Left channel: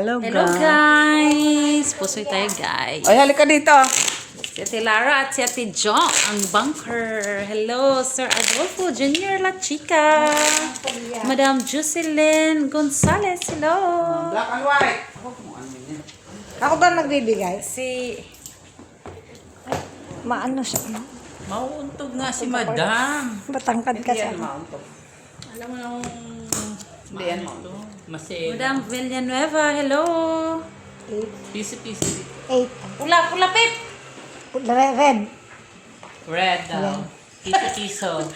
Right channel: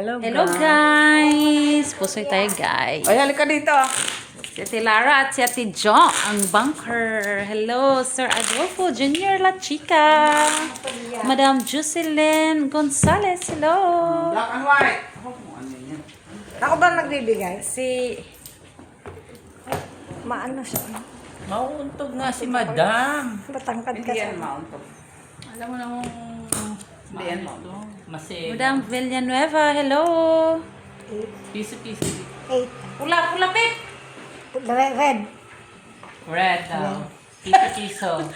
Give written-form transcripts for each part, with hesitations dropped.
Hello guys! Pusoy tayo guys. Ay, halika dito. Si Ate Lara at si Ate John ang bunker. Hello, Sir Adolfo Jr. La Chica. Madam Jocelyn Gonzalez. Hello. Black and white. Ako ba nagbibigay? Si Maano siya? Mauuntog nga si Madam. Batangkad Hindi kasi. yan mauntog. Alam mo namang Hindi yan to. Masaya. Madam Villanueva. Hello. Pisi-pisi. 8. Pula, pula pip. Red. Red daw. Kiso-kiso.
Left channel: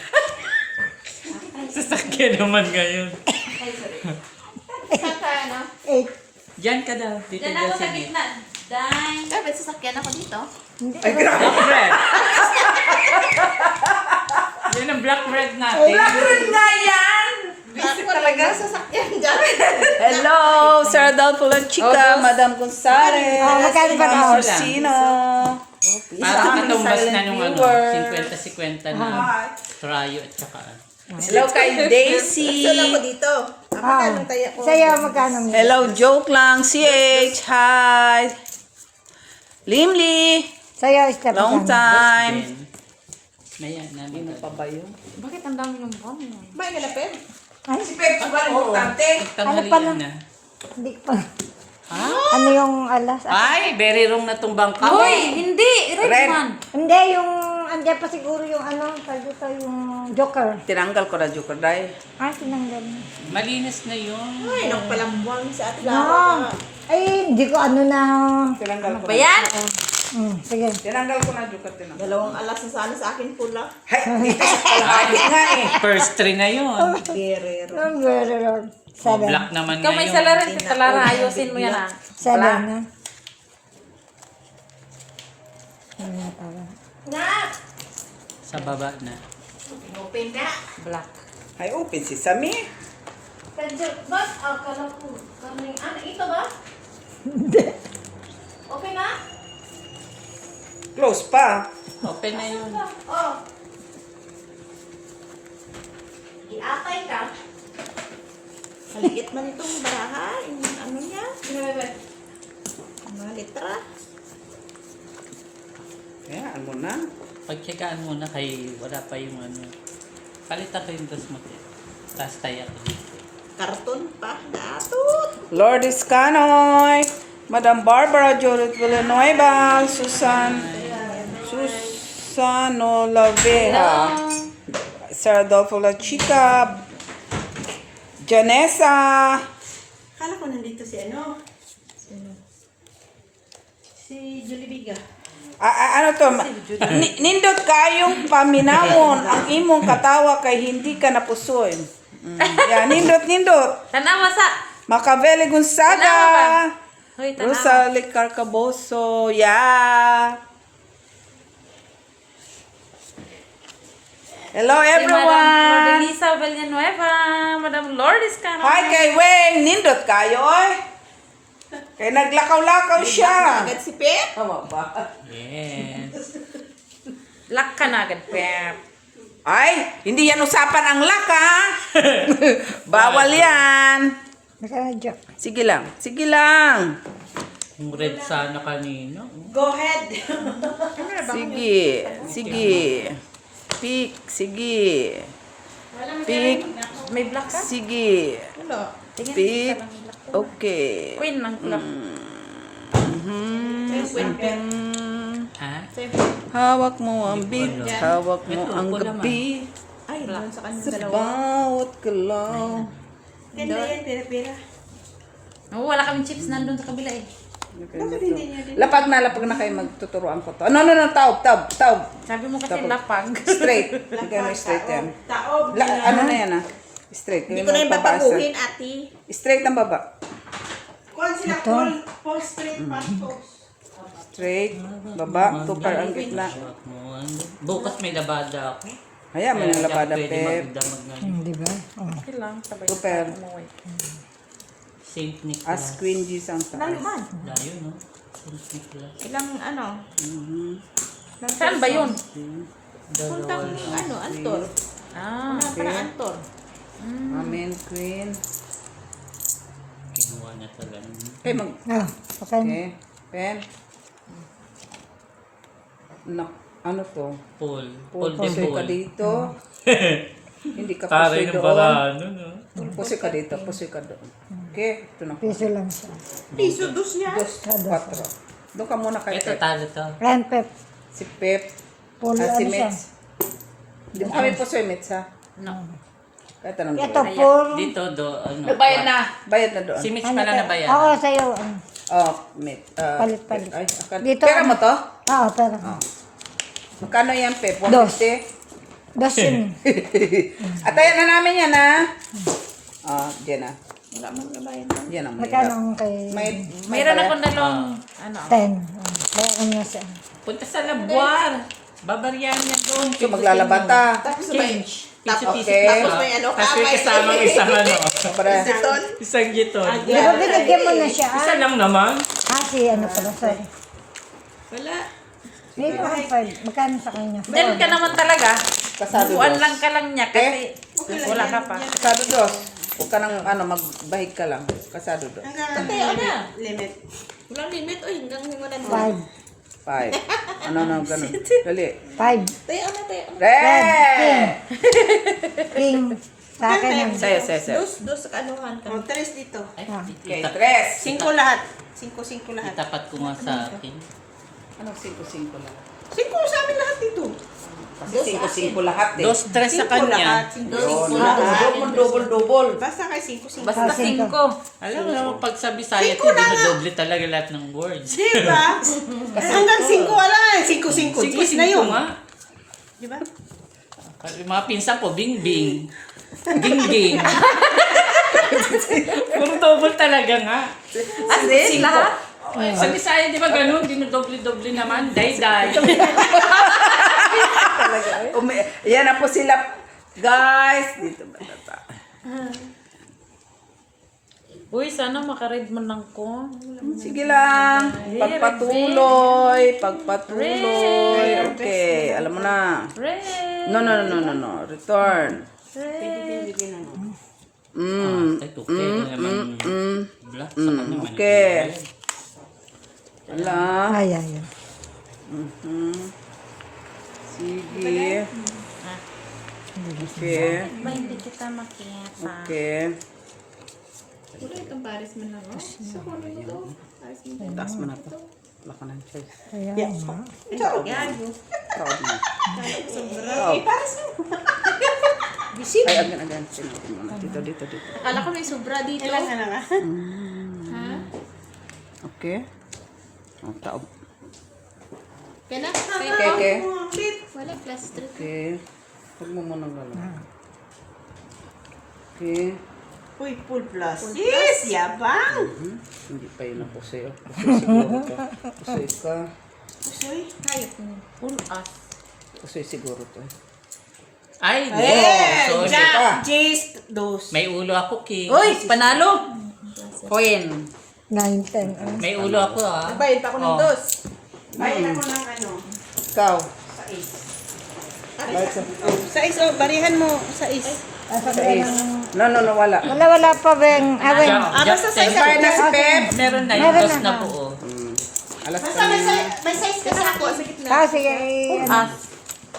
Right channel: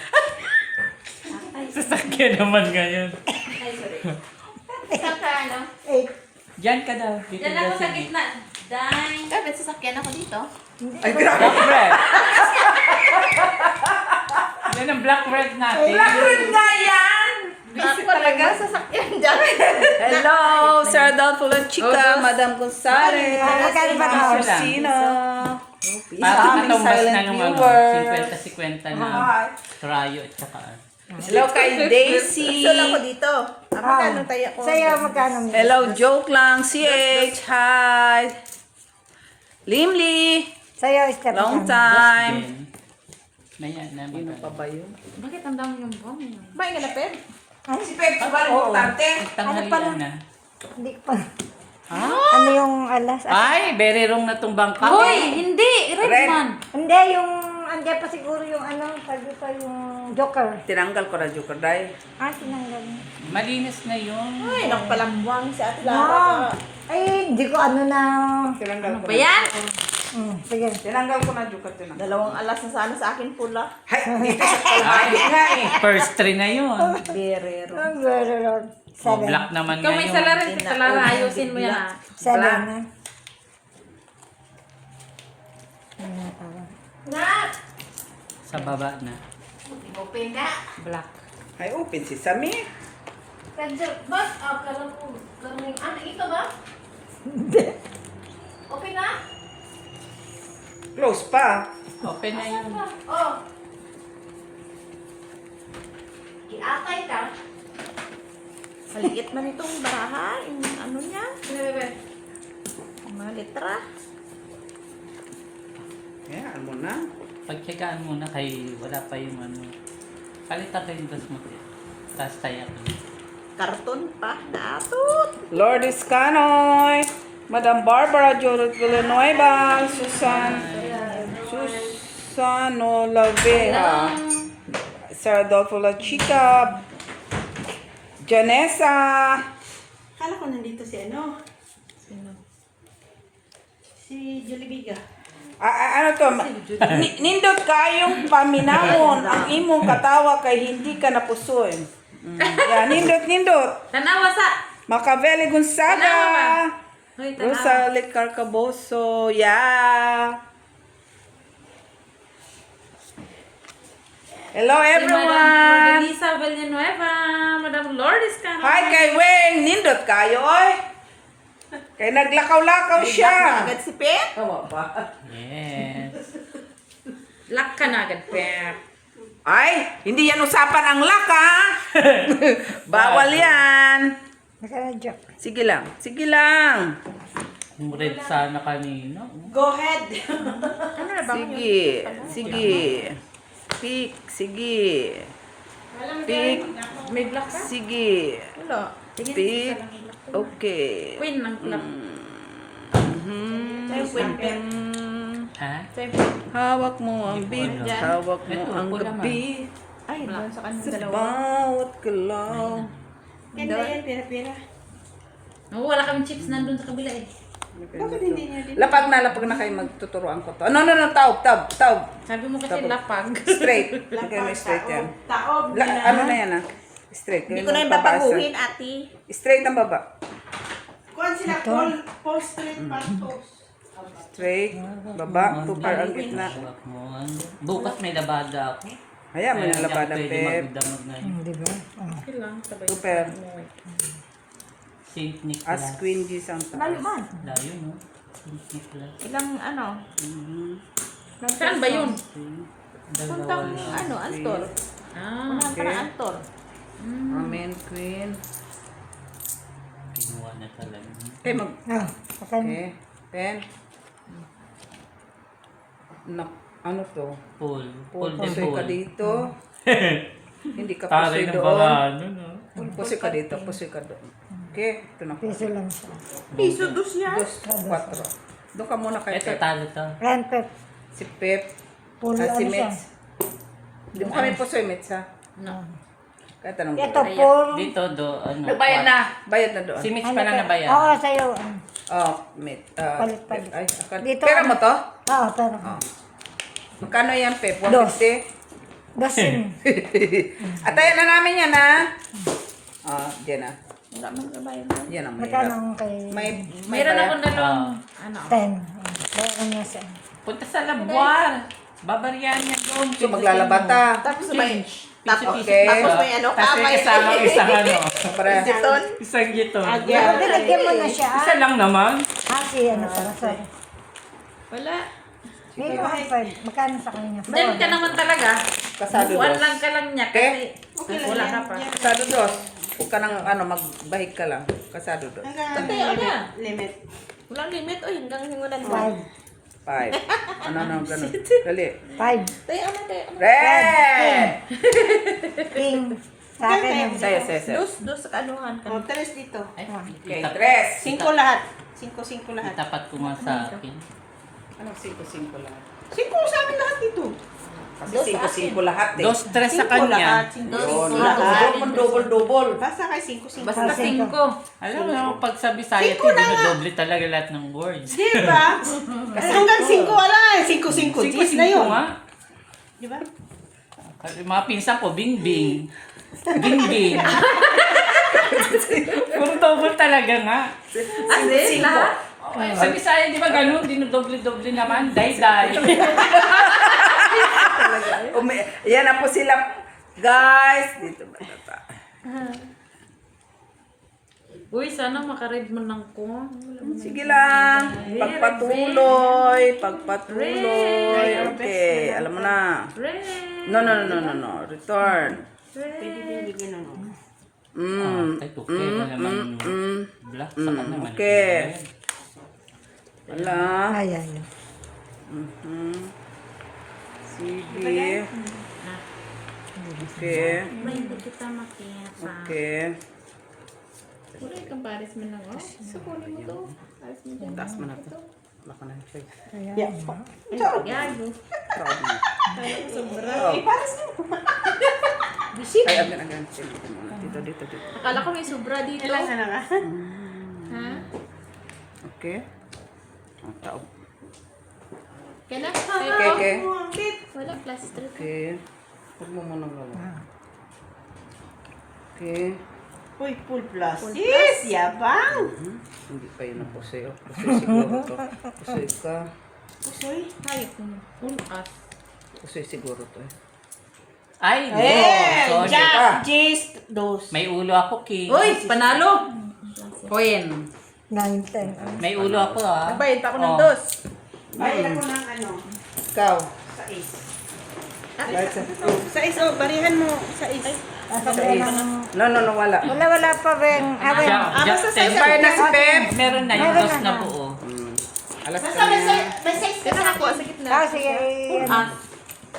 Sasakyan naman ngayon. 8. Diyan ka daw. Dito Diyan daw ako sa si gitna. Dine. May sasakyan ako dito. Ay, grabe. Black red. Yan ang black red natin. na yan! Busy talaga. Sasakyan dyan. Hello, Sir Adolfo La Chica, Madam Gonzalez, Magkano ba Mga ako? sino? Sino? Parang katumbas na silent nung ano, viewer. 50-50 na Rayo at saka Hello kay Daisy. Saan ako dito? Magkano tayo? Sa'yo, magkano mo? Hello, joke lang. CH, hi. Limli, Sa'yo, step long down. time. Maya namin. ba yun? Bakit ang dami yung bomb? Ba, inalapit? Si Pep, importante. Tanghalian na. Hindi pa. Ano yung alas? Ay, very wrong na tong bangka. Hoy! Hindi! Red Red. man! Hindi, yung... Andiyan pa siguro yung ano, sabi pa yung joker. Tinanggal ko na joker dahil. Tinanggal niya. Malinis na yun. Ay, nagpalambuang sa atin. No. Ay, hindi ko ano na... Tinanggal ko Ba yan? Sige. Tinanggal ko na joker. Tinanggal. Dalawang alas na sana sa akin pula. Hay, dito sa kalahati nga eh. First three na yun. Berero. Number Oh, 7. black naman Ikaw may ngayon. salarin si Talara. Ayusin mo yan ah. 7 Black. na. Sa baba na. Open na. Black. Ay, open si Sami. Kadyo, ba? Akala ko. Ano, ito ba? Open na? Close pa. Open na yun. Oh. Giatay ka. Maliit man itong baraha. Yung ano niya. Mga litra. Ayan mo na. Pagtsagaan mo na kay wala pa yung ano. Palitan ko yung gas mo. Tapos tayak. Karton pa. Datot. Lourdes Canoy, Madam Barbara Judith Villanueva, Susano Lavera, Sir Adolfo La Chica, Janessa, Kala ko nandito si ano? Si Julibiga. ano to, nindot kayong paminamon ang imong katawa kay hindi ka napusoy. Yan, nindot. Tanawa sa... Macaveli Tanawa ba? Gonzaga, Hoy, tanawa. Rosalic Carcaboso, yeah. Hello Si Madam everyone. Lourdelisa Villanueva. Madam Lourdes ka Hi kay Wayne, nindot kayo oy. Kay naglakaw-lakaw siya. Agad si Pep. Tama ba? Yes. Lock ka na agad, Pep. Ay, hindi yan usapan ang laka. Bawal yan. Magkano joke? Sige lang, sige lang. Kung red sana kanina. Go ahead. Sige, sige. Pick, sige. Pick, May black ka? sige. Wala. Tingin Pick, ka lang black. okay. Queen ng black. Ha? Hawak mo ang beat, hawak mo ang gabi. Ay, doon sa kanyang dalawa. Bawat galaw. Ganda yan, pera-pera. Oh, wala kaming chips nandun sa kabila eh. Lapag na kayo magtuturoan ko to. No, taob. Sabi mo kasi Tapos. lapag. Straight. Hindi mo straight yan. Taob. Ano na yan ah? Straight. Hindi ko na yung babaguhin, ati. Straight ang baba. Kuhan sila, Paul Street, Pantos. Straight. Baba. Tupar ang gitna. Bukas may labada ako. Hayaan mo yung labada, Pwede Pep. magdamag na. Di ba? Okay lang, sabay Super. na umuwi. Saint Nicholas. As Queen G's ang taas. Naluman. Layo, no? Saint Nicholas. Ilang ano? Saan ba yun? Puntang ano, Antor. Ah, Ano para Antor? Amen, Queen. Kinuha na talaga. Okay, mag... Ah, okay. Okay. Pen. Ano to? Paul. Paul de Pusoy ka Paul. dito. Hindi ka Pare pusoy ng doon. barano, no? Pusoy ka dito, pusoy ka doon. Okay, ito na. Piso lang siya. Piso dos niya. Dos, 4. Doon ka muna kay Ito, Pep. talo to. Ayan, Pep. Si Pep. Pulo Si ano siya. Mets. Hindi mo kami pusoy, Mets, ha? No. Kaya tanong Ito, ko. Paul. Dito, ano. Bayad na. Bayad na doon. Si Mitch pa na nabayan. Oo, sa'yo. Oh, Met. Palit. Ay, Dito, pera mo to? Oo, pero. Magkano yan, Pep? Dos. 150? Das yun. Atayan na namin yan, ha? Diyan na. Wala man nabayan na. Yan ang Magkano mahirap. ang kay Mayroon akong dalawang, ano, 10? Bayaran niya siya. Punta sa labuar. Babaryan niya doon. So, maglalabata. Tapos may... Piso-piso Okay. pa. Tapos may ano, Tapos may kamay. kasama isang ano. Para. Siton. Isang gito. Pero binigyan mo na siya. Isa lang naman. Kasi ano pala, sorry. Wala. May 5. Magkano sa kanya? Diyan ka naman talaga. Kasado Buwan dos. lang ka lang niya kasi wala ka pa. Kasado dos. Huwag ka nang magbahig ka lang. Kasado dos. Patay, na. Limit. Walang limit. Uy, hanggang hingunan mo. 5. Ano, ganun. Dali. 5. Tayo na, tayo. Red! King. Sa akin yun. Saya. Dos sa kanuhan ka. Tres dito. Ay, Okay, tres. 5 lahat. 5 lahat. itapat ko nga sa akin. Anong 5-5 lang? 5 sa amin lahat dito. Kasi 5-5 lahat eh. Dos, tres sa 5 kanya. lahat. 5 Yun. lahat. Double. Basta kay 5. Basta 5. Alam mo, pag sa Bisaya, dinodoble talaga lahat ng words. Diba? Hanggang 5 wala eh. 5 Gis na yun. nga. Diba? Yung mga pinsan ko, bing-bing. Bing-bing. Puro double talaga nga. As in, lahat? Sa Bisaya, di ba ganun? Dinodoble-doble naman. Day-day. Talaga. Yan na po sila. Guys, dito ba ata? Uy, sana makaread mo lang ko. Sige lang. Pagpatuloy. Okay, alam mo na. Red. No. Return. Red. Ay, tukay na naman. Black sa kanya. Okay. Wala. Ay. Sige. Okay. Ba, hindi kita makita. Okay. Wala kang pares mo lang. Oh, sukunin mo to. Pares mo to. Taas mo na to. Wala ka na siya. Gago. Proud na. Bisit. Ay, agan. Dito. Akala ko may sobra dito. Kailangan na nga. Ha? Okay. Ang tao. Kailan? Okay. Wala, plus 3. Okay. Huwag mo muna gano'n. Okay. Uy, full plus. Yes, yabang. Hindi pa yun ako sa'yo. Pusoy siguro to. Pusoy ka. Pusoy. Hayop mo. Full us. Pusoy siguro to. Ay, no. Eh, Sorry. Jack, Jace, dos. May ulo ako, King. Uy, panalo. Coin. 9, 10. May ulo ako, ah. Nagbayad pa ako ng Oh. dos. Bayad ako ng ano. Ikaw. Sa iso, barihan mo. Sa is. No, wala. Wala pa, Ben. Awin. basta sa isa. Kaya na si Pep. Meron na yung Meron dos na. na buo. Alas Basta ka na. may size ka sa ako. Sa gitna. Ah, sige. Full ano. us.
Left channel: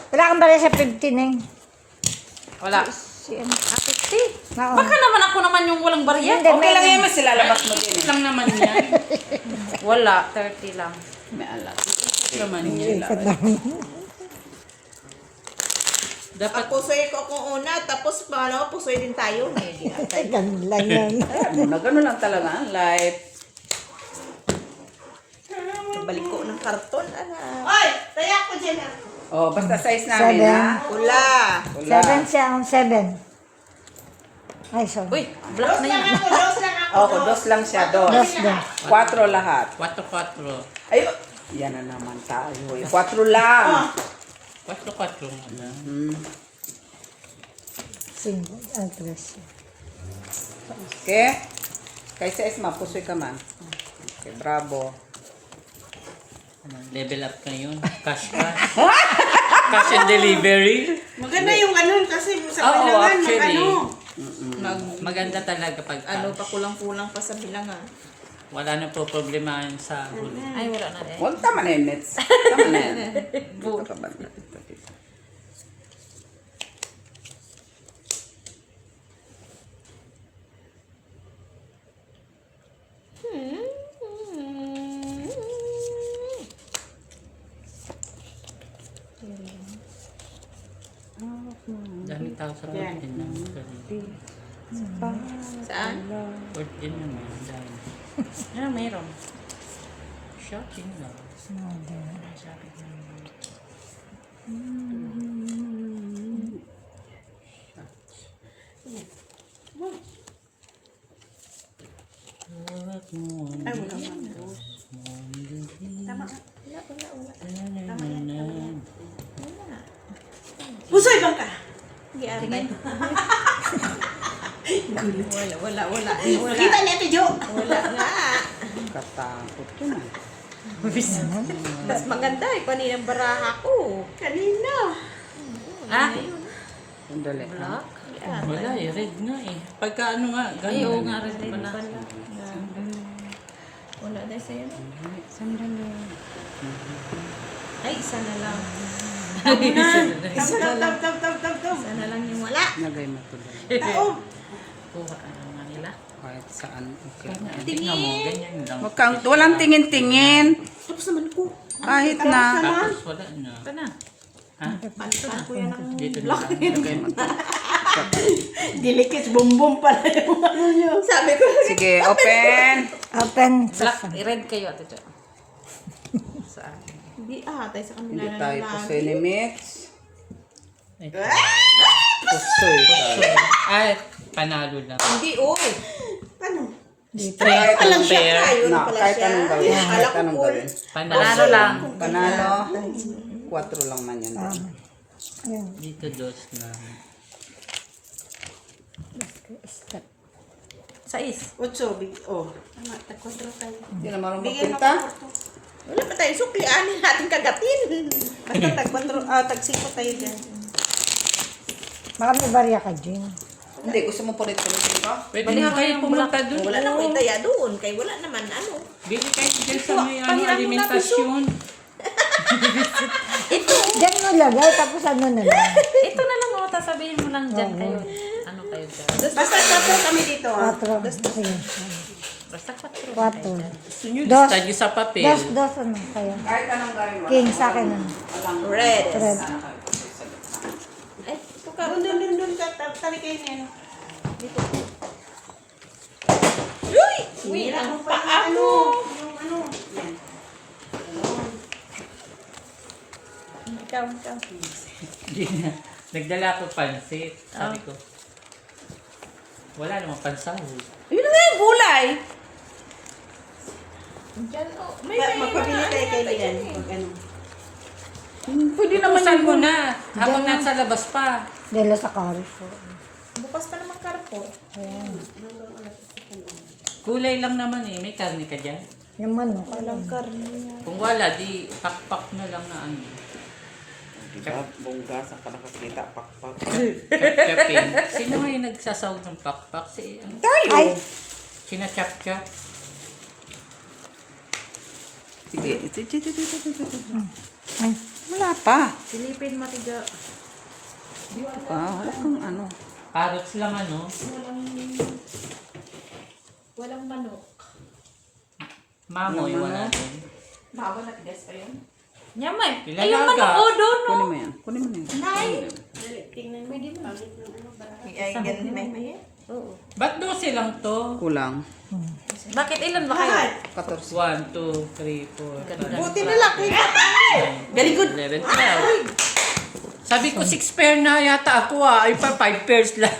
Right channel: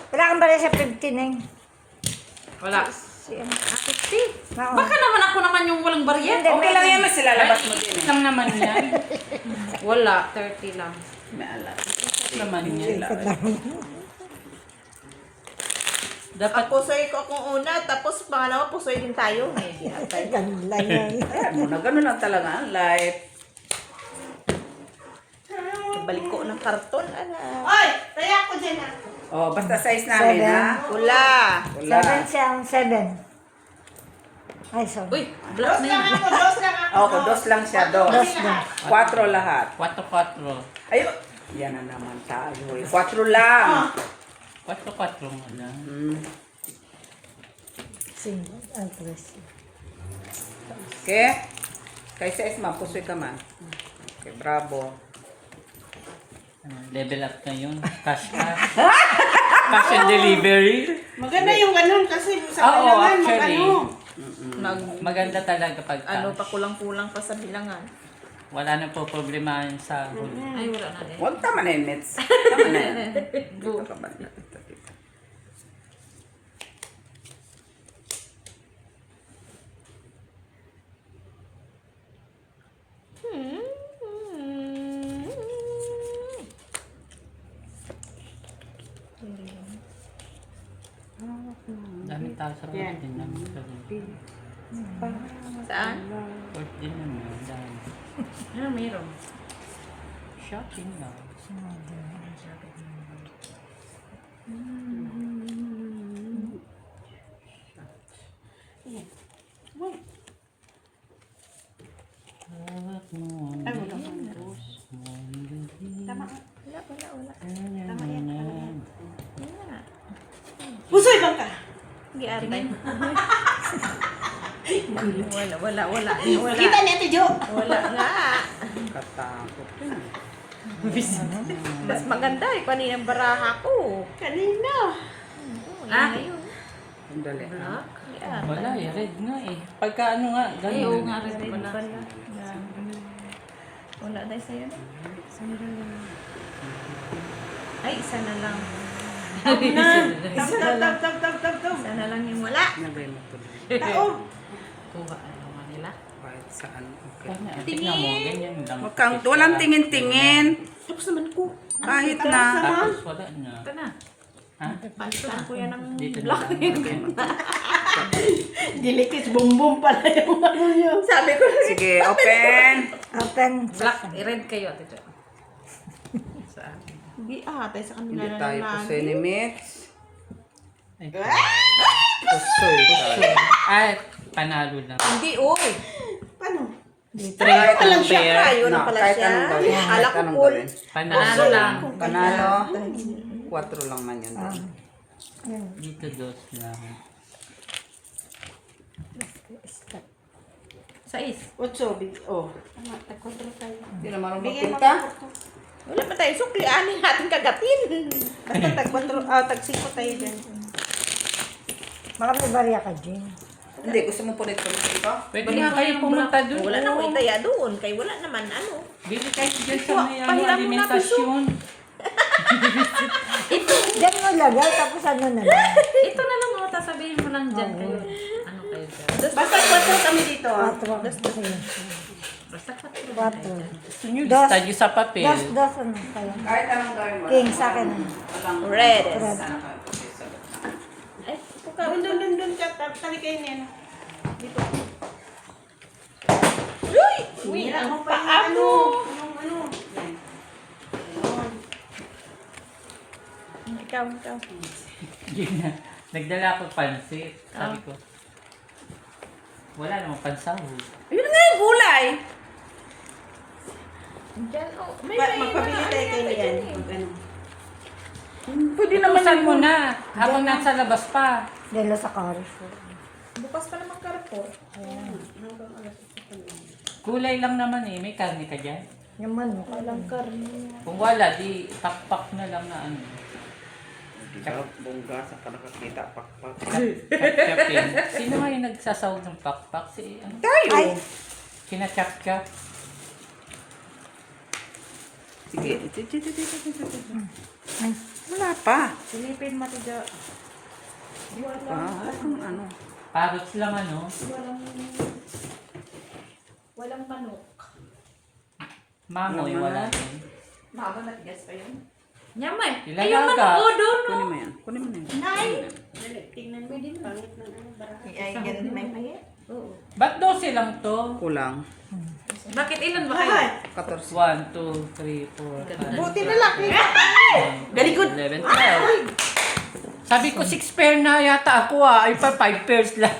Wala kang bala sa 15 eh. Wala. Si Akiti. Nako. Baka naman ako naman yung walang barya. Hindi, Okay lang yan, mas ilalabas mo din. Lang naman yan. Wala, 30 lang. May alas. Naman yan. Dapat Ang pusoy ko kung una, tapos pangalawa pusoy din tayo. Hindi na tayo. Ganun lang yun. Ganun lang talaga. Life. Balik ko ng karton. Ano? Oy, tayak ka dyan ah. Oh, basta size namin, Seven. ha? Wala. Wala. 7 siya, 7. Ay, sorry. Uy, black na yun. Dos lang ako. Oo, dos lang siya, dos. 4 lahat. 4-4. Ay, yan na naman tayo. 4 lang. 4-4 nga. 5. Ang 3. Okay? Kaysa Esma, pusoy ka ma. Okay, bravo. Level up na yun. Cash. Cash and delivery. Maganda yung ganun kasi sa Oo, kailangan actually. mag-ano. Maganda talaga pag Ano pa kulang-kulang pa sa bilangan. wala nang po problema sa huli. Ay, wala na din. Huwag tama na yun, Mets. Tama na yan. Dami tao sa birthday namin. Saan? Birthday namin. Dami. Ano mayroon? Shopping lang. Ay, wala man. Tama. Pusoy bang ka? Tingin. Wala. Kita niya ito, Jo. Wala nga. Katakot yun. Mas maganda eh. Paninang baraha ko. Kanina. Ah? Sandali. Black? Wala eh, red nga eh. Pagka ano nga, Ay, oo ganun. nga rin pala. Wala dahil sa'yo na. Ay, isa na lang. Tap. Isa na lang yung wala. Nagay mo tuloy. Tao. Kuha ka naman nila. Kahit saan. Okay. Tingnan mo, ganyan lang. Walang tingin-tingin. Tapos naman ko. Kahit na. Tapos wala na. Ito na. Ha? Palitan ko yan ng Dito na block. lang. Dilikis, bumbum pala yung ano nyo. Sabi ko, Sige, open. Open. Black, red kayo, Ate Jo. Saan? hindi tayo sa kanila Hindi na tayo lang. pusoy ni Mets. Ito. Pusoy. Ay, panalo na. Hindi, oy. Paano? Straight Palang to siya pair. tayo na No, pala kahit siya. anong gawin. Akala Kahit ko anong full. gawin. Panalo lang. Panalo. 4 lang man yun. Dito dos na. Sais. Otso, big, oh. Tama, tagkodro tayo. Hindi na marunong Bigyan magpinta. ako. Wala pa tayo sukli. Ano yung ating kagatin? Basta tagkodro, tagsipo tayo dyan. Baka may barya ka, Jin. Hindi, gusto mo pulit-pulit ba? Pwede Balik na mo kayo yung pumunta doon. Wala na akong itaya doon. Kaya wala naman ano. Bili kayo dyan sa may ano, Pahiram mo na, alimentasyon. Ito. Diyan mo lagay, tapos ano na lang. Ito na lang, oh. Tas sabihin mo lang dyan kayo. Ano kayo dyan? Basta totoo kami dito. 4. Basta 4 na Quatro. kayo dyan. Sinyo, lista nyo sa papel. Dos ano kayo. Kahit anong gawin mo. King sa akin. Walang Red. Red. sana kayo pusoy sa gitna. Eh, ito ka. Doon ka, tali kayo niya, no? Uy! Sinira Ang mo pa paano? yung ano. Yan. Ikaw. Hindi na. Nagdala ko pansit. Sabi ko, wala namang pansahod. Yun na nga yung gulay. Diyan, oh. Magpabili tayo kay Lian. Mag ano. Pwede naman Tutusan yung mo na. Habang nasa labas pa. Dela sa Carrefour. Bukas pa naman Carrefour. Kulay lang naman eh. May karne ka dyan. Yung manok. Walang karne yan. Kung wala, di pakpak na lang na ano. bongga sa nakakita pakpak. Kapin. Sino nga yung nagsasawag ng pakpak? Si ano? Tayo. Sinachap-chap. Sige. Ay, wala pa. Silipin mo, Ate Jo. Wala kung ano. Parrots lang ano. Walang manok. Mamoy, wala din. Mawa na tigas pa yun. Nyamay. Ilan Ay, yung aga? manok, oh, doon, no. Kunin mo yan. Kunin mo yan. Tingnan mo. Pwede mo. Pangit ng ano ba? Ay, ganun may ayan. Oo. Ba't 12 lang to? Kulang. Bakit ilan ba kayo? 14. 1, 2, 3, 4, 5, Buti na lang. Very good. 11, 12. Sabi ko 6 pair na yata ako ah. Ay pa 5 pairs lang.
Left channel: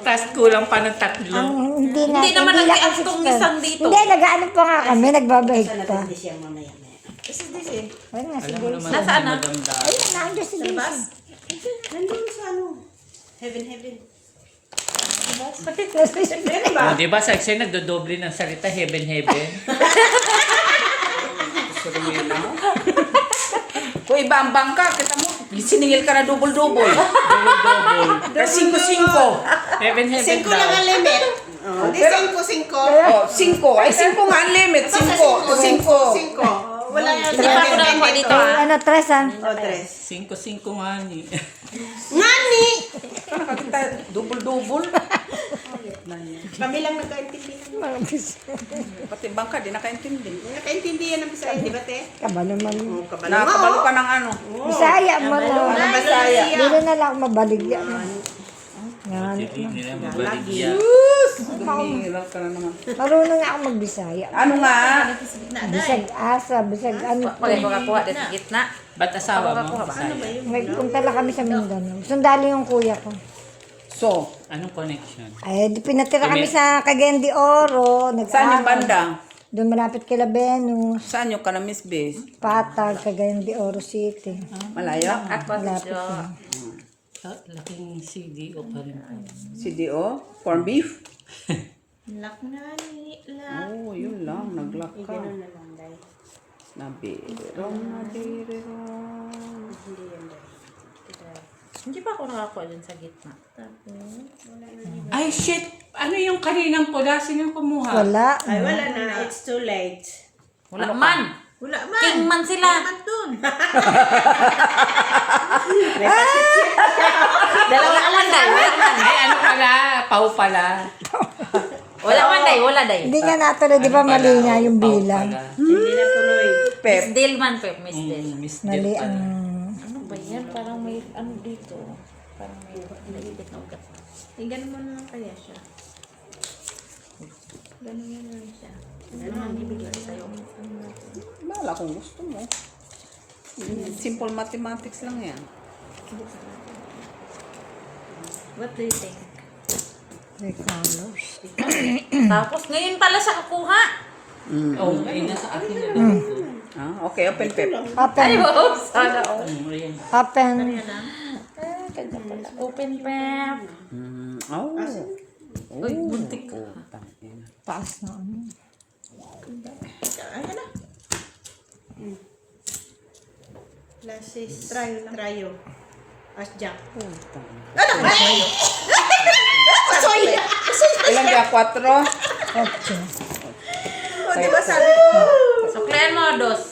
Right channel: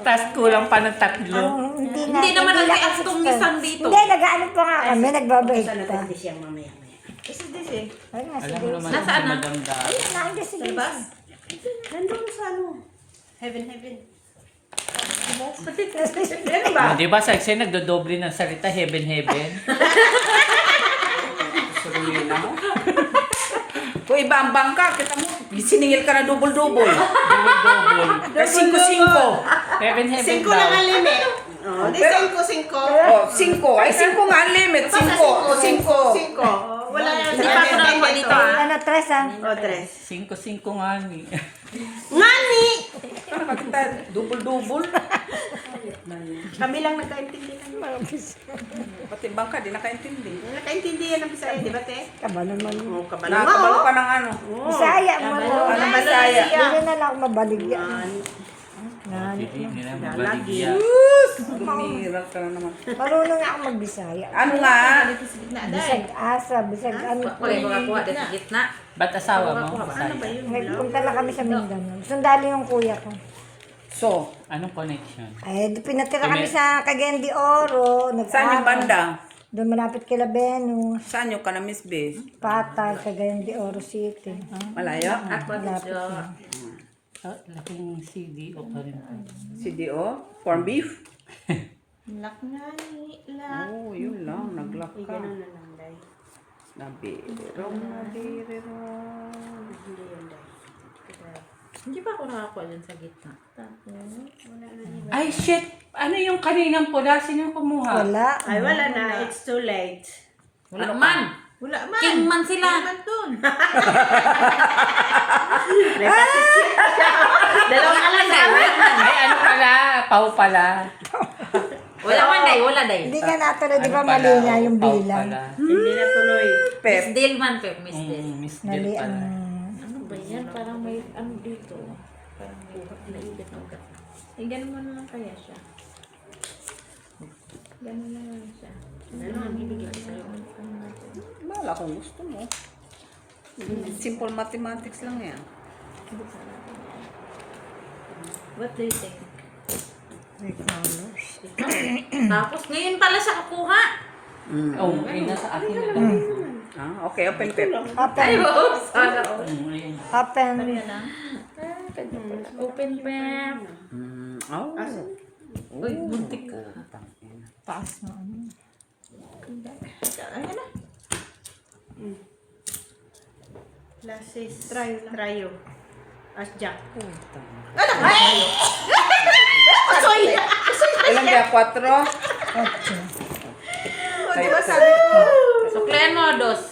Tapos kulang pa ng 3. Hindi naman nag-react tong isang dito. Hindi, nag-ano pa nga kami, nagbabahig Sana pa. natin siya mamaya. This is this eh. Ayun nga, si Alam mo Daisy. naman Nasaan na? maganda. Nandiyan si Daisy. Bas? Nandun sa ano? Heaven. Ah, di ba sexy nagdodoble ng salita heaven. Surumi na mo. Kung iba ang bangka, kita mo, siningil ka na double-double. Double. Kasi 5-5. Heaven, heaven 5 daw. lang ang limit. Oh, di 5. Oh, 5. Ay, 5 nga ang limit. 5. 5. Wala yan. Hindi pa ako nakakuha dito ah. Ano, tres ah. O, 3. 5-5 nga ni. Ngani! Double-double. Kami lang nagkaintindi. Pati bangka, di nakaintindi. Nakaintindi yan ang Bisaya, di ba, te? Kabalo man. Oo, kabalo. Nakabalo ka ng ano. Bisaya mo. Ano Bisaya? Hindi na lang ako mabaligyan. Hindi nila mabaligyan. Hirap ka na naman. Marunong ako magbisaya. Ano nga? Bisag asa, bisag ano. Wala ko kakuha dito sa gitna. Ba't asawa mo? Ako ba? Bisaya? Nagpunta lang kami sa Mindanao. Sundali yung kuya ko. So, Anong connection? Ay, pinatira kami sa Cagayan de Oro. saan yung banda? Doon malapit kay Labenus. Saan yung Kanamis Base? Patag, Cagayan de Oro City. Malayo? At posisyo. Laking CDO pa rin. CDO? Corn beef? Lak na ni lak. Oh, yun lang. Naglock ka. Ganun na lang, day. Nabiro. Hindi yan, day. Hindi pa ako nakakuha dyan sa gitna. Ay, shit! Ano yung kaninang pula? Sino yung kumuha? Wala. Ay, wala na. It's too late. Wala man. Wala man. King man sila. Man dun. May pasitsit. Wala man day. Wala man. Ay, ano pala? Pau pala. Wala man day. Wala day. Hindi nga natuloy, di ba mali nga yung Pau bilang. pala. Hindi na tuloy. Miss Dale man, Pep. Miss Dale. Miss Mali Del ang... pala. Ano ba yan? Parang may ano dito. Parang may naipit na ugat. Ay, ganun mo naman kaya siya. Ganun na lang siya. Ano nga ibigay ko sa'yo? Wala kung gusto mo. Simple mathematics lang yan. What do you think? May colors. Tapos ngayon pala siya kukuha. Oh, ay, nasa akin na lang ito. Ah, okay, open pep. Open. Ay, wow. Sana all. Ayan. Open. Kanya pala. Open pep. Oh. Uy, buntik ka. Taas na ano. Lasis. Trayo. As Jack. Ilan kaya? 4? Ocho. Di ba sabi ko? Suklian mo, dos.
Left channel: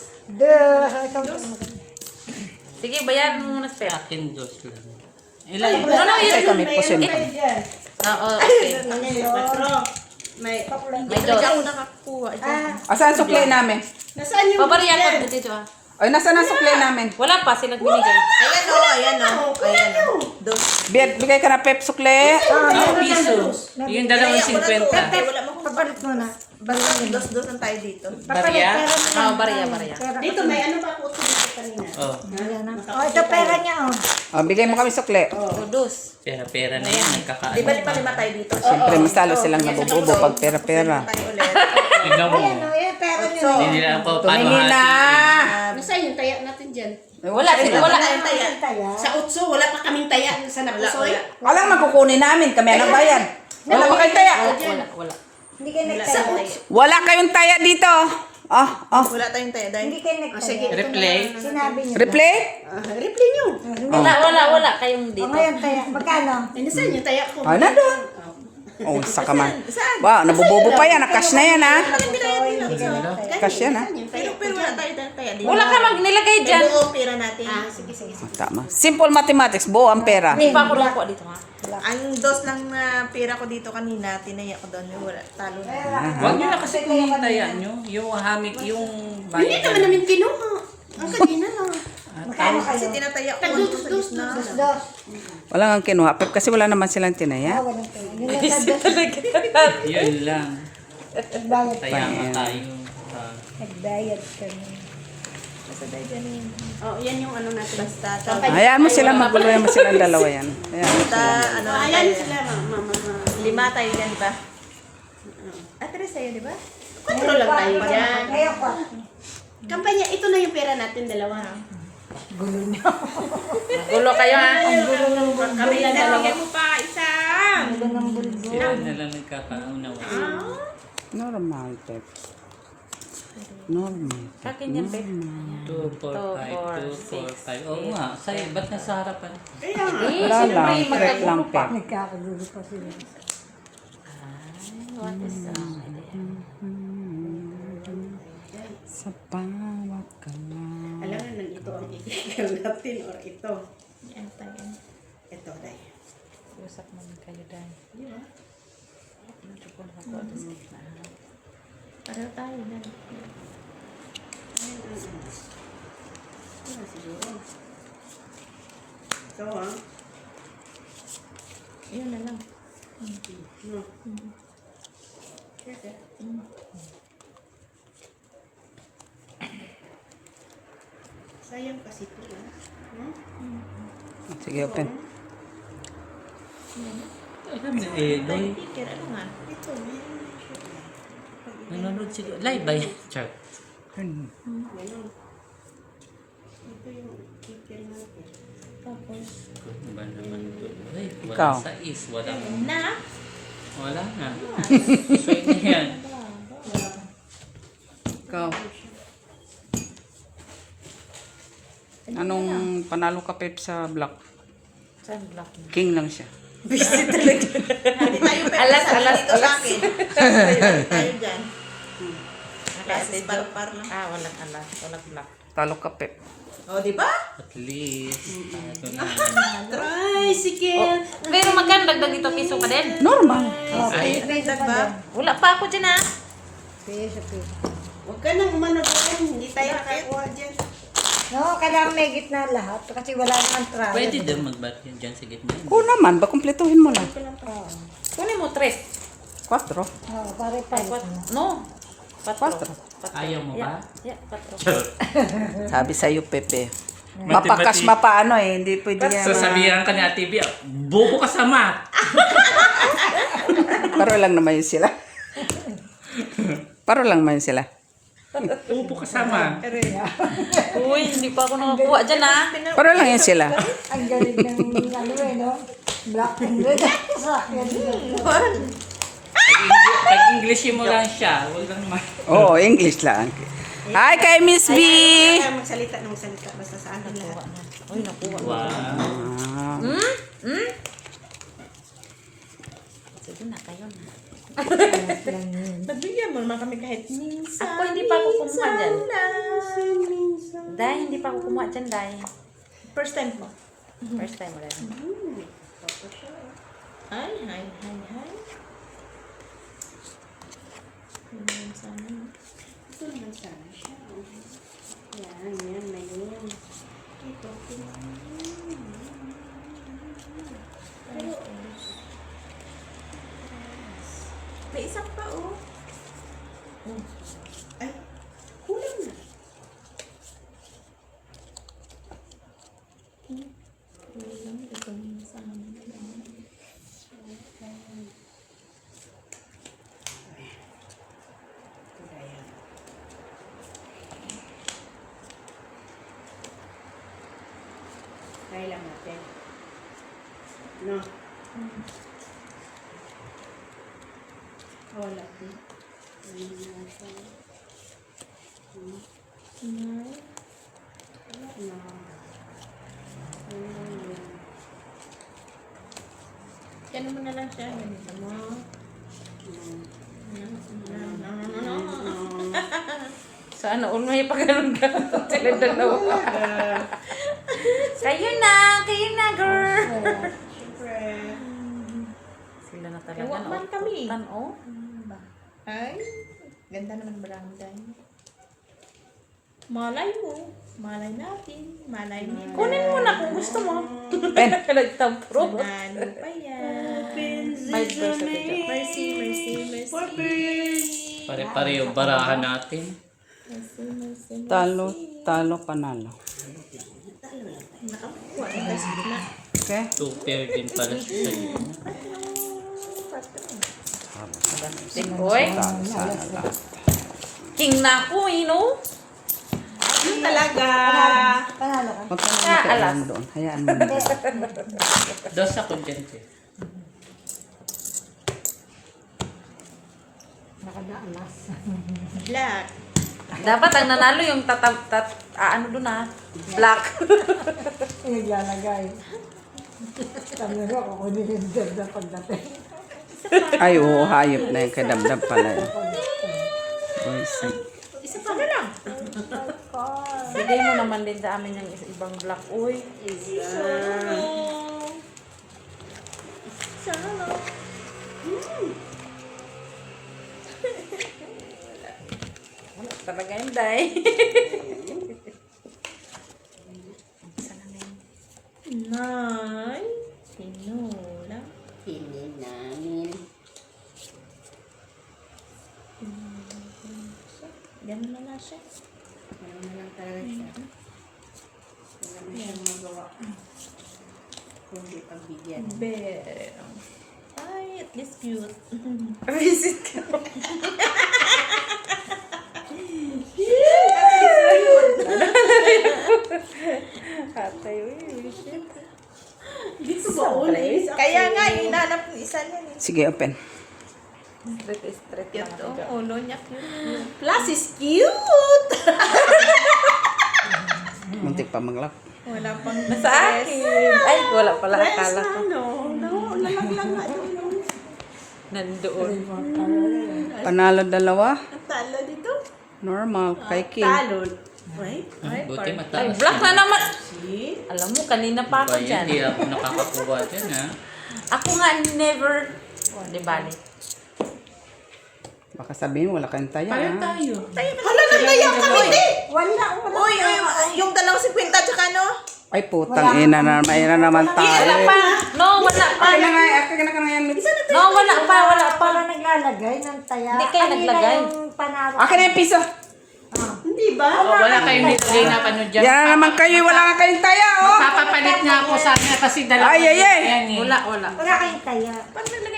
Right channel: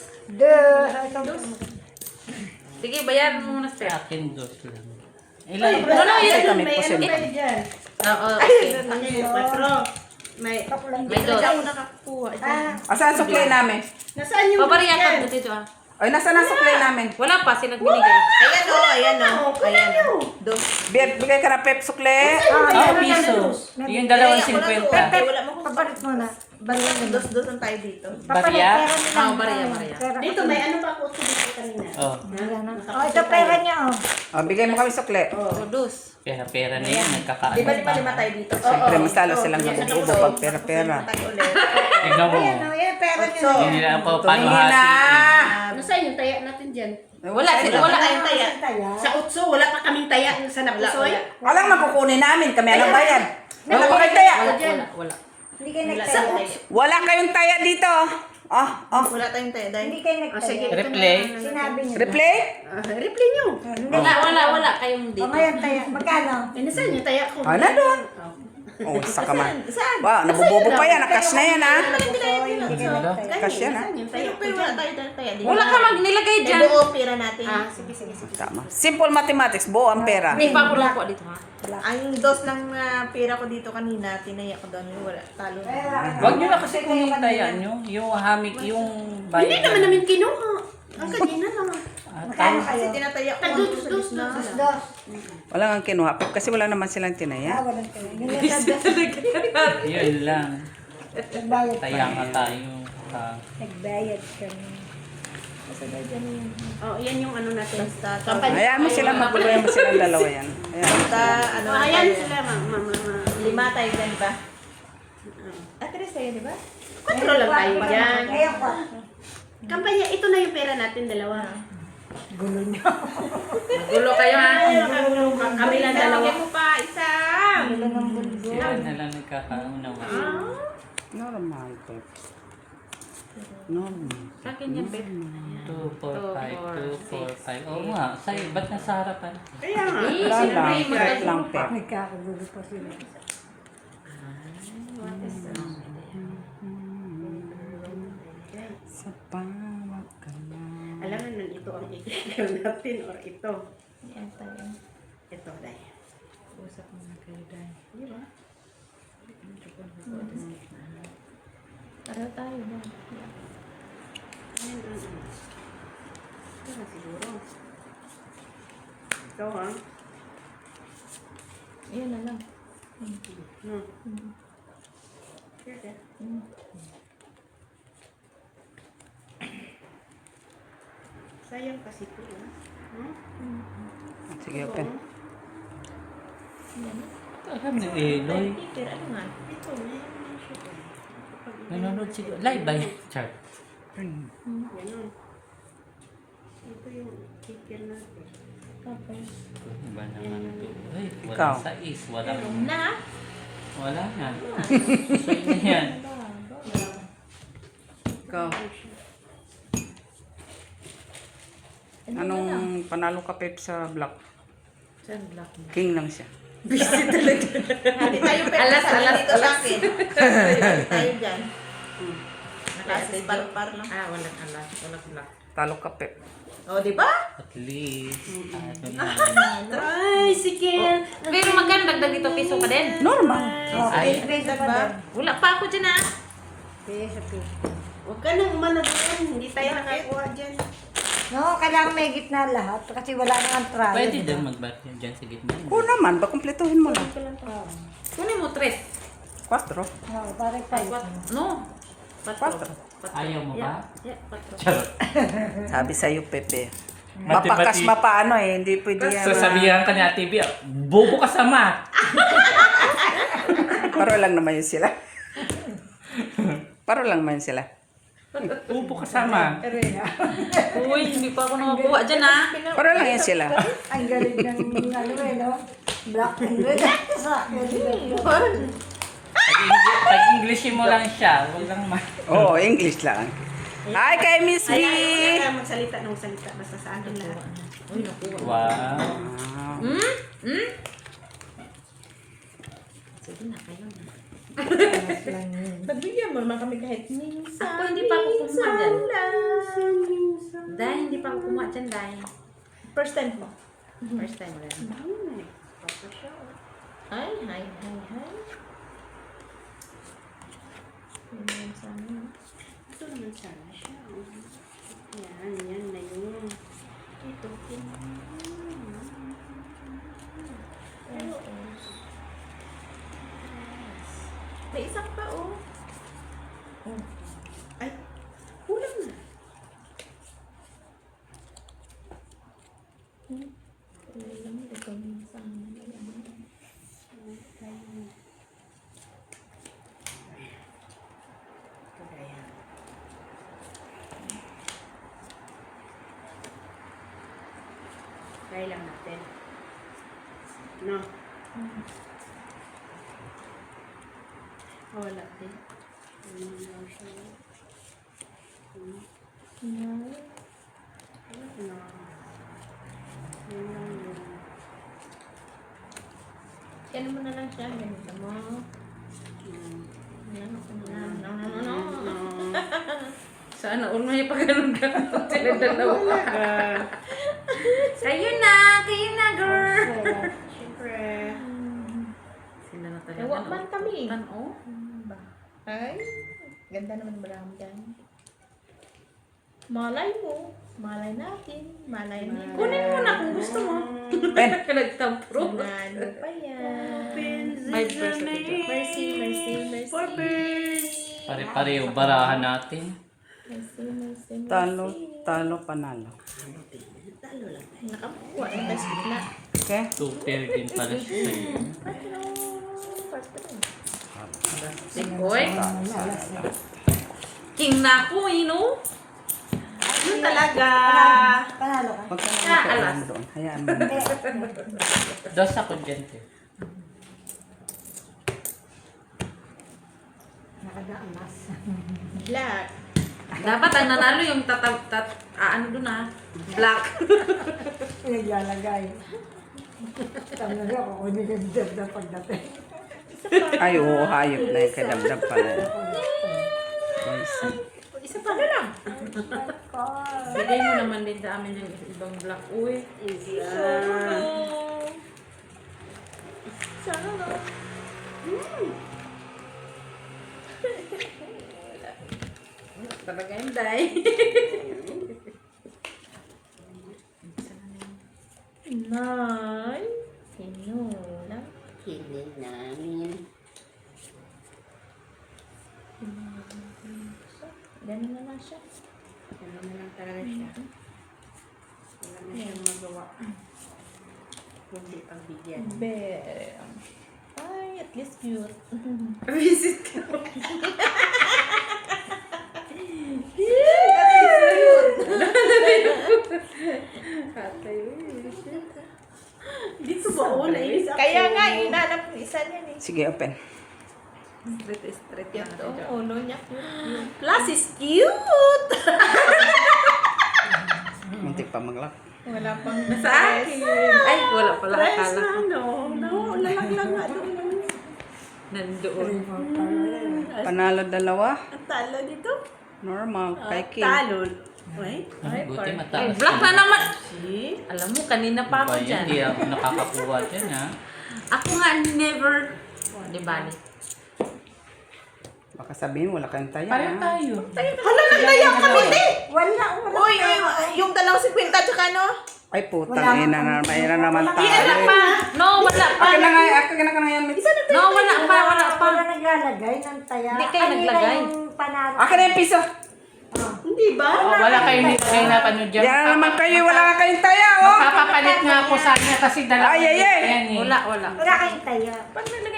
Sige, bayan mo muna, Pep. Akin, dos lang. Ilan? No, no, yun. Ito, may pusin. Oo, okay. May, May dos. Ako nakakuha dyan. Asan ang suklay namin? nasaan yung Pabariya ka dito, ah. Ay, nasaan ang suklay namin? Wala pa, sila binigay. Ayan o, ayan o. Ayan o. Dos. Bigay ka na pep sukle. Piso. Yung dalawang 50. Wala mo kung Papalit mo na. dos lang tayo dito. Barya? Ah, bariya. Dito, may ano ba ako dito kanina? Oh, Oh, ito pera niya oh. Oh, bigay mo kami sukle. O, dos. pera-pera na yan. Nagkakaano. Di ba pa lima tayo dito? Siyempre, mas lalo silang nabububo pag pera-pera. Tayo ulit. Tignan mo. Ayan oh, yan pera niya. So, Hindi nila ako paano Tumingin na! hati. Nasaan yung taya natin dyan? Wala, wala. tayong taya. Sa utso, wala pa kaming taya sa napusoy. Alam mo, kukunin namin. Kami ang bayan. Wala pa kayong taya. Wala. Hindi kayo nagtaya. Wala kayong taya dito. Wala tayong taya dahil. Hindi kayo nagtaya. Replay. Sinabi niyo. Replay? Replay nyo. Wala kayong Oh, dito. ngayon taya. Magkano? Nasaan yung taya ko? Ano doon? Oh, saka man. Wow, nabubobo pa yan. Cash na yan, ha? Cash yan, ha? Pero wala tayo dahil taya. Wala ka magnilagay dyan. Buo pera natin. Sige. Tama. Simple mathematics. Buo ang pera. Hindi pa ako nakuha dito, ha? Ang dos ng pera ko dito kanina, tinaya ko doon yung wala. Talo na. Huwag nyo na kasi kung yung taya nyo. Yung hamig, yung Hindi naman namin kinuha. Ang kanina lang. Kasi tinataya ko ang dos na. Dos. Wala nga kinuha. Pero kasi wala naman silang tinaya. Walang pera. Yung yun lang. nagbayad. Kaya nga tayo. Nagbayad kami. Oh, yan yung ano natin. Basta, Hayaan mo sila. Magpapalala mo silang dalawa yan. Hayaan mo basta, sila. ano, Ayan tayo. sila, mama. Lima tayo dyan, di ba? Tres tayo, di ba? Kontrol lang tayo dyan. Ngayon ko. Kampanya, ito na yung pera natin, dalawa. Magulo kayo, ha? Kami lang dalawa. Yun na lang nagkakaunawa. Normal type. Normal. Sa akin yan, babe. 2, 4, 5, 2, 4, 5. Oo nga, sa'yo, ba't nasa harapan? Kaya nga. Eh, Wala siyempre, lang, magkagulo correct pa. lang, Nagkakagulo pa sila. Ay, what is wrong with it? Sa bawat kamay. Alam mo nun, ito ang ikikil natin or ito. Yan tayo. Ito, day. Usap mo na kayo, Day. Di ba? Medyo po nakakuha din sa gitna. Pareho tayo yan. Ayun. Ito siguro. Ito, ha? Yan na lang. No. Okay. Sayang kasi ito, no? Sige, open. Alam na eh, Day. Teacher, ano nga? Ito, meron na siya. Nanonood siguro. Live ba yan? Char. Open. Ganon. Ito yung ticket natin. Tapos, Ano ba naman ito? Ay, Ikaw. wala sa is. Wala na. Wala na. So, na yan. Ikaw. Anong panalo ka, Pep, sa black? Saan black mo? King lang siya. Alas, alas, alas. Tayo dyan. Naka-ate Jo. par-par lang. Ah, walang alas. Walang black. Talo ka, Pep. O, di ba? At least. Ito na. Tricycle. Pero magkano dagdag dito piso pa din? Normal. Ay, ba? Wala pa ako dyan ah. Piso, piso. Huwag ka nang managulan. Hindi tayo nakakuha dyan. No, kailangan may gitna lahat kasi wala kang try. Pwede din mag-bat yan dyan sa gitna. Oo naman, kumpletuhin mo na. Kunin mo 3. 4. Oh, pare pa. Ay, 4. No. 4. Ayaw mo ba? Yeah, 4. Sabi sa'yo, Pepe. Mati-mati. Mapakas mapaano eh, hindi pwede yan. Sasabihan ka ni Ate B, bobo ka sa math. Paro lang naman yun sila. Paro lang naman yun sila. Bobo ka sa math. Uy, hindi pa ako nakakuha dyan ah. Paro lang yun sila. Ang galing ng ano eh, no? Black and red. Sa akin. Pag-English mo lang siya, wag lang math. Oo, English lang. Hi kay Miss B! Huwag ka magsalita ng salita. Basta sa akin lahat. Uy, nakuha. Wow. Sige na, kayo na. Pagbigyan mo naman kami kahit minsan. Ako hindi pa ako kumuha dyan. Minsan. Dahil hindi pa ako kumuha dyan, dahil. First time mo. First time mo rin. Hi, hi, hi, hi. Minsan. Ito naman sana siya. Yan, yan na yun. Ito. May isa pa, oh. Ay, kulang na. Ito minsan. Ayan. Try lang natin. No. Wala din. Ano lang siya. No. No. Yan lang yun. Ganun mo na lang siya. Ganito mo. Sana all may pagano'n ka. Sila dalawa. Kayo na, girl. Siyempre. Sila na talaga. Huwag man kami. naututan, oh. Ay, ganda naman baramdam. Malay mo. Malay natin. Malay niyo. Kunin mo na kung gusto mo. Nagtampro. Ano pa yan? 5% ito. Mercy, mercy, mercy. Pare-pareho barahan natin. Mercy, mercy, mercy. Talo, panalo. Nakakuha na tayo sa gitna. Okay? 2 pair din pala siya. Plastic, oy. King na ako, no? Yun talaga. Panalo ka. Huwag ka Ah, nang alas. mo doon. Hayaan mo. Das ako dyan. Te. Nakadaanas. Black. Dapat ang nanalo yung ano doon black. Naglalagay. Sabi niya, kukunin yung dad na pagdating. Ay, oo, hayop na yung kadamdam pala. Isa pa na lang. Bigay mo naman din sa amin yung ibang black. Uy. Sana na. Wala talaga yung day. Nay. Sinula. Hindi namin. Ganun na lang siya. Ano na lang talaga siya. Wala na siyang magawa. Kundi pagbigyan. Ay, at least cute. Visit ka. Atay, uy. Dito ba ulit? Kaya nga, inanap yung isa niyan eh. Sige, open. Straight lang natin Ito, dyan. ulo niya cute. Plus is cute! Muntik pa maglak. Wala pang Nasa akin. Ay, wala pala. Akala ko. Lalang nga doon. Nandoon. Panalo dalawa. Ang talo dito. Normal. Kay King. Talo. Wait. Buti Ay, mataas. black na naman. See? Alam mo, kanina pa ako Hindi dyan. ako nakakakuha dyan, ha? Ako nga never. Di bali. Baka sabihin, wala kang taya. Pareho tayo. Wala nang kaya kami, te! Wala. Uy, yung dalang 50 tsaka no? Ay, putang ina na. Mayroon naman tayo. Wala pa. No, wala pa. Akin na nga, akin na nga yan. No, wala pa. Wala pa. Para naglalagay ng taya. Hindi kayo naglagay. Yung panalo. Akin na yung piso. Hindi ba? O, wala kayong nilagay na ano dyan. Yan na naman kayo. Wala nga kayong taya, oh. Papapalit nga ako sa kanya kasi dalawa. Ay, ay, ay. yan, eh. Wala, wala. Wala kayong taya.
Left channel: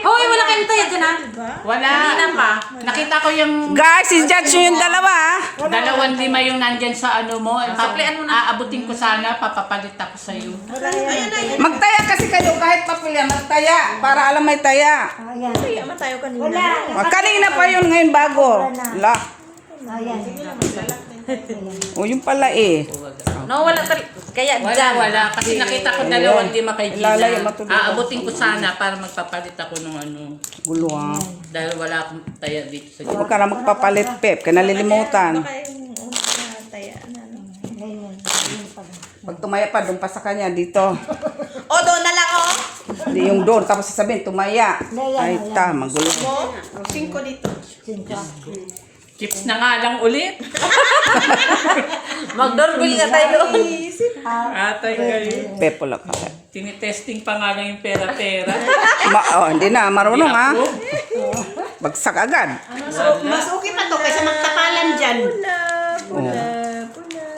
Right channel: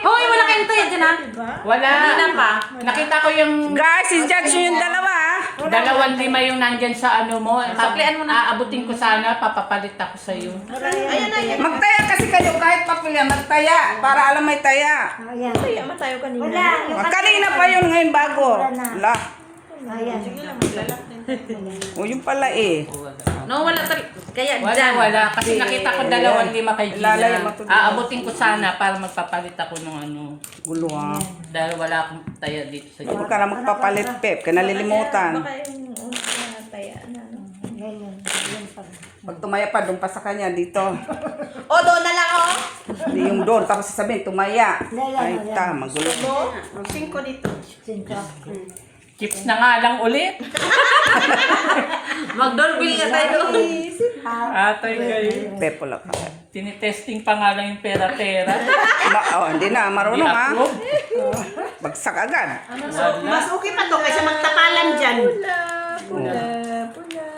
Hoy, wala kayong tayo dyan ha. Wala. Kanina pa. Nakita ko yung Guys, i-judge nyo yung dalawa, ah. 2,500 yung nandyan sa ano mo. Suklian mo na. Aabutin ko sana, papapalit ako sa'yo. Magtaya kasi kayo kahit papilya. Magtaya. Para alam may taya. Ayan. Kaya man tayo kanina. Wala. Kanina pa yun ngayon bago. Wala. Ayan. O, yung pala eh. No, wala talaga. Kaya Wala, dyan. wala. Kasi nakita ko 2,500 kay Lalay, Gina. matulog. Aabutin ko sana para magpapalit ako ng ano. Gulo, ah. Dahil wala akong taya dito sa Huwag ka na magpapalit, Pep. Ka nalilimutan. Baka yung taya na. Ayan. Ayan pa. Pag tumaya pa, doon pa sa kanya dito. O, doon na lang, oh. Hindi yung doon. Tapos sasabihin, tumaya. Ay, tama. Gulo. No? 5 dito. Sinta. chips na nga lang ulit. Mag-doorbell nga tayo doon. Atay kayo. Pep, wala ka. Tinitesting pa nga lang yung pera-pera. Hindi na. Marunong, Di ha. ako. Bagsak agad. Mas okay pa to kaysa magtakalan dyan.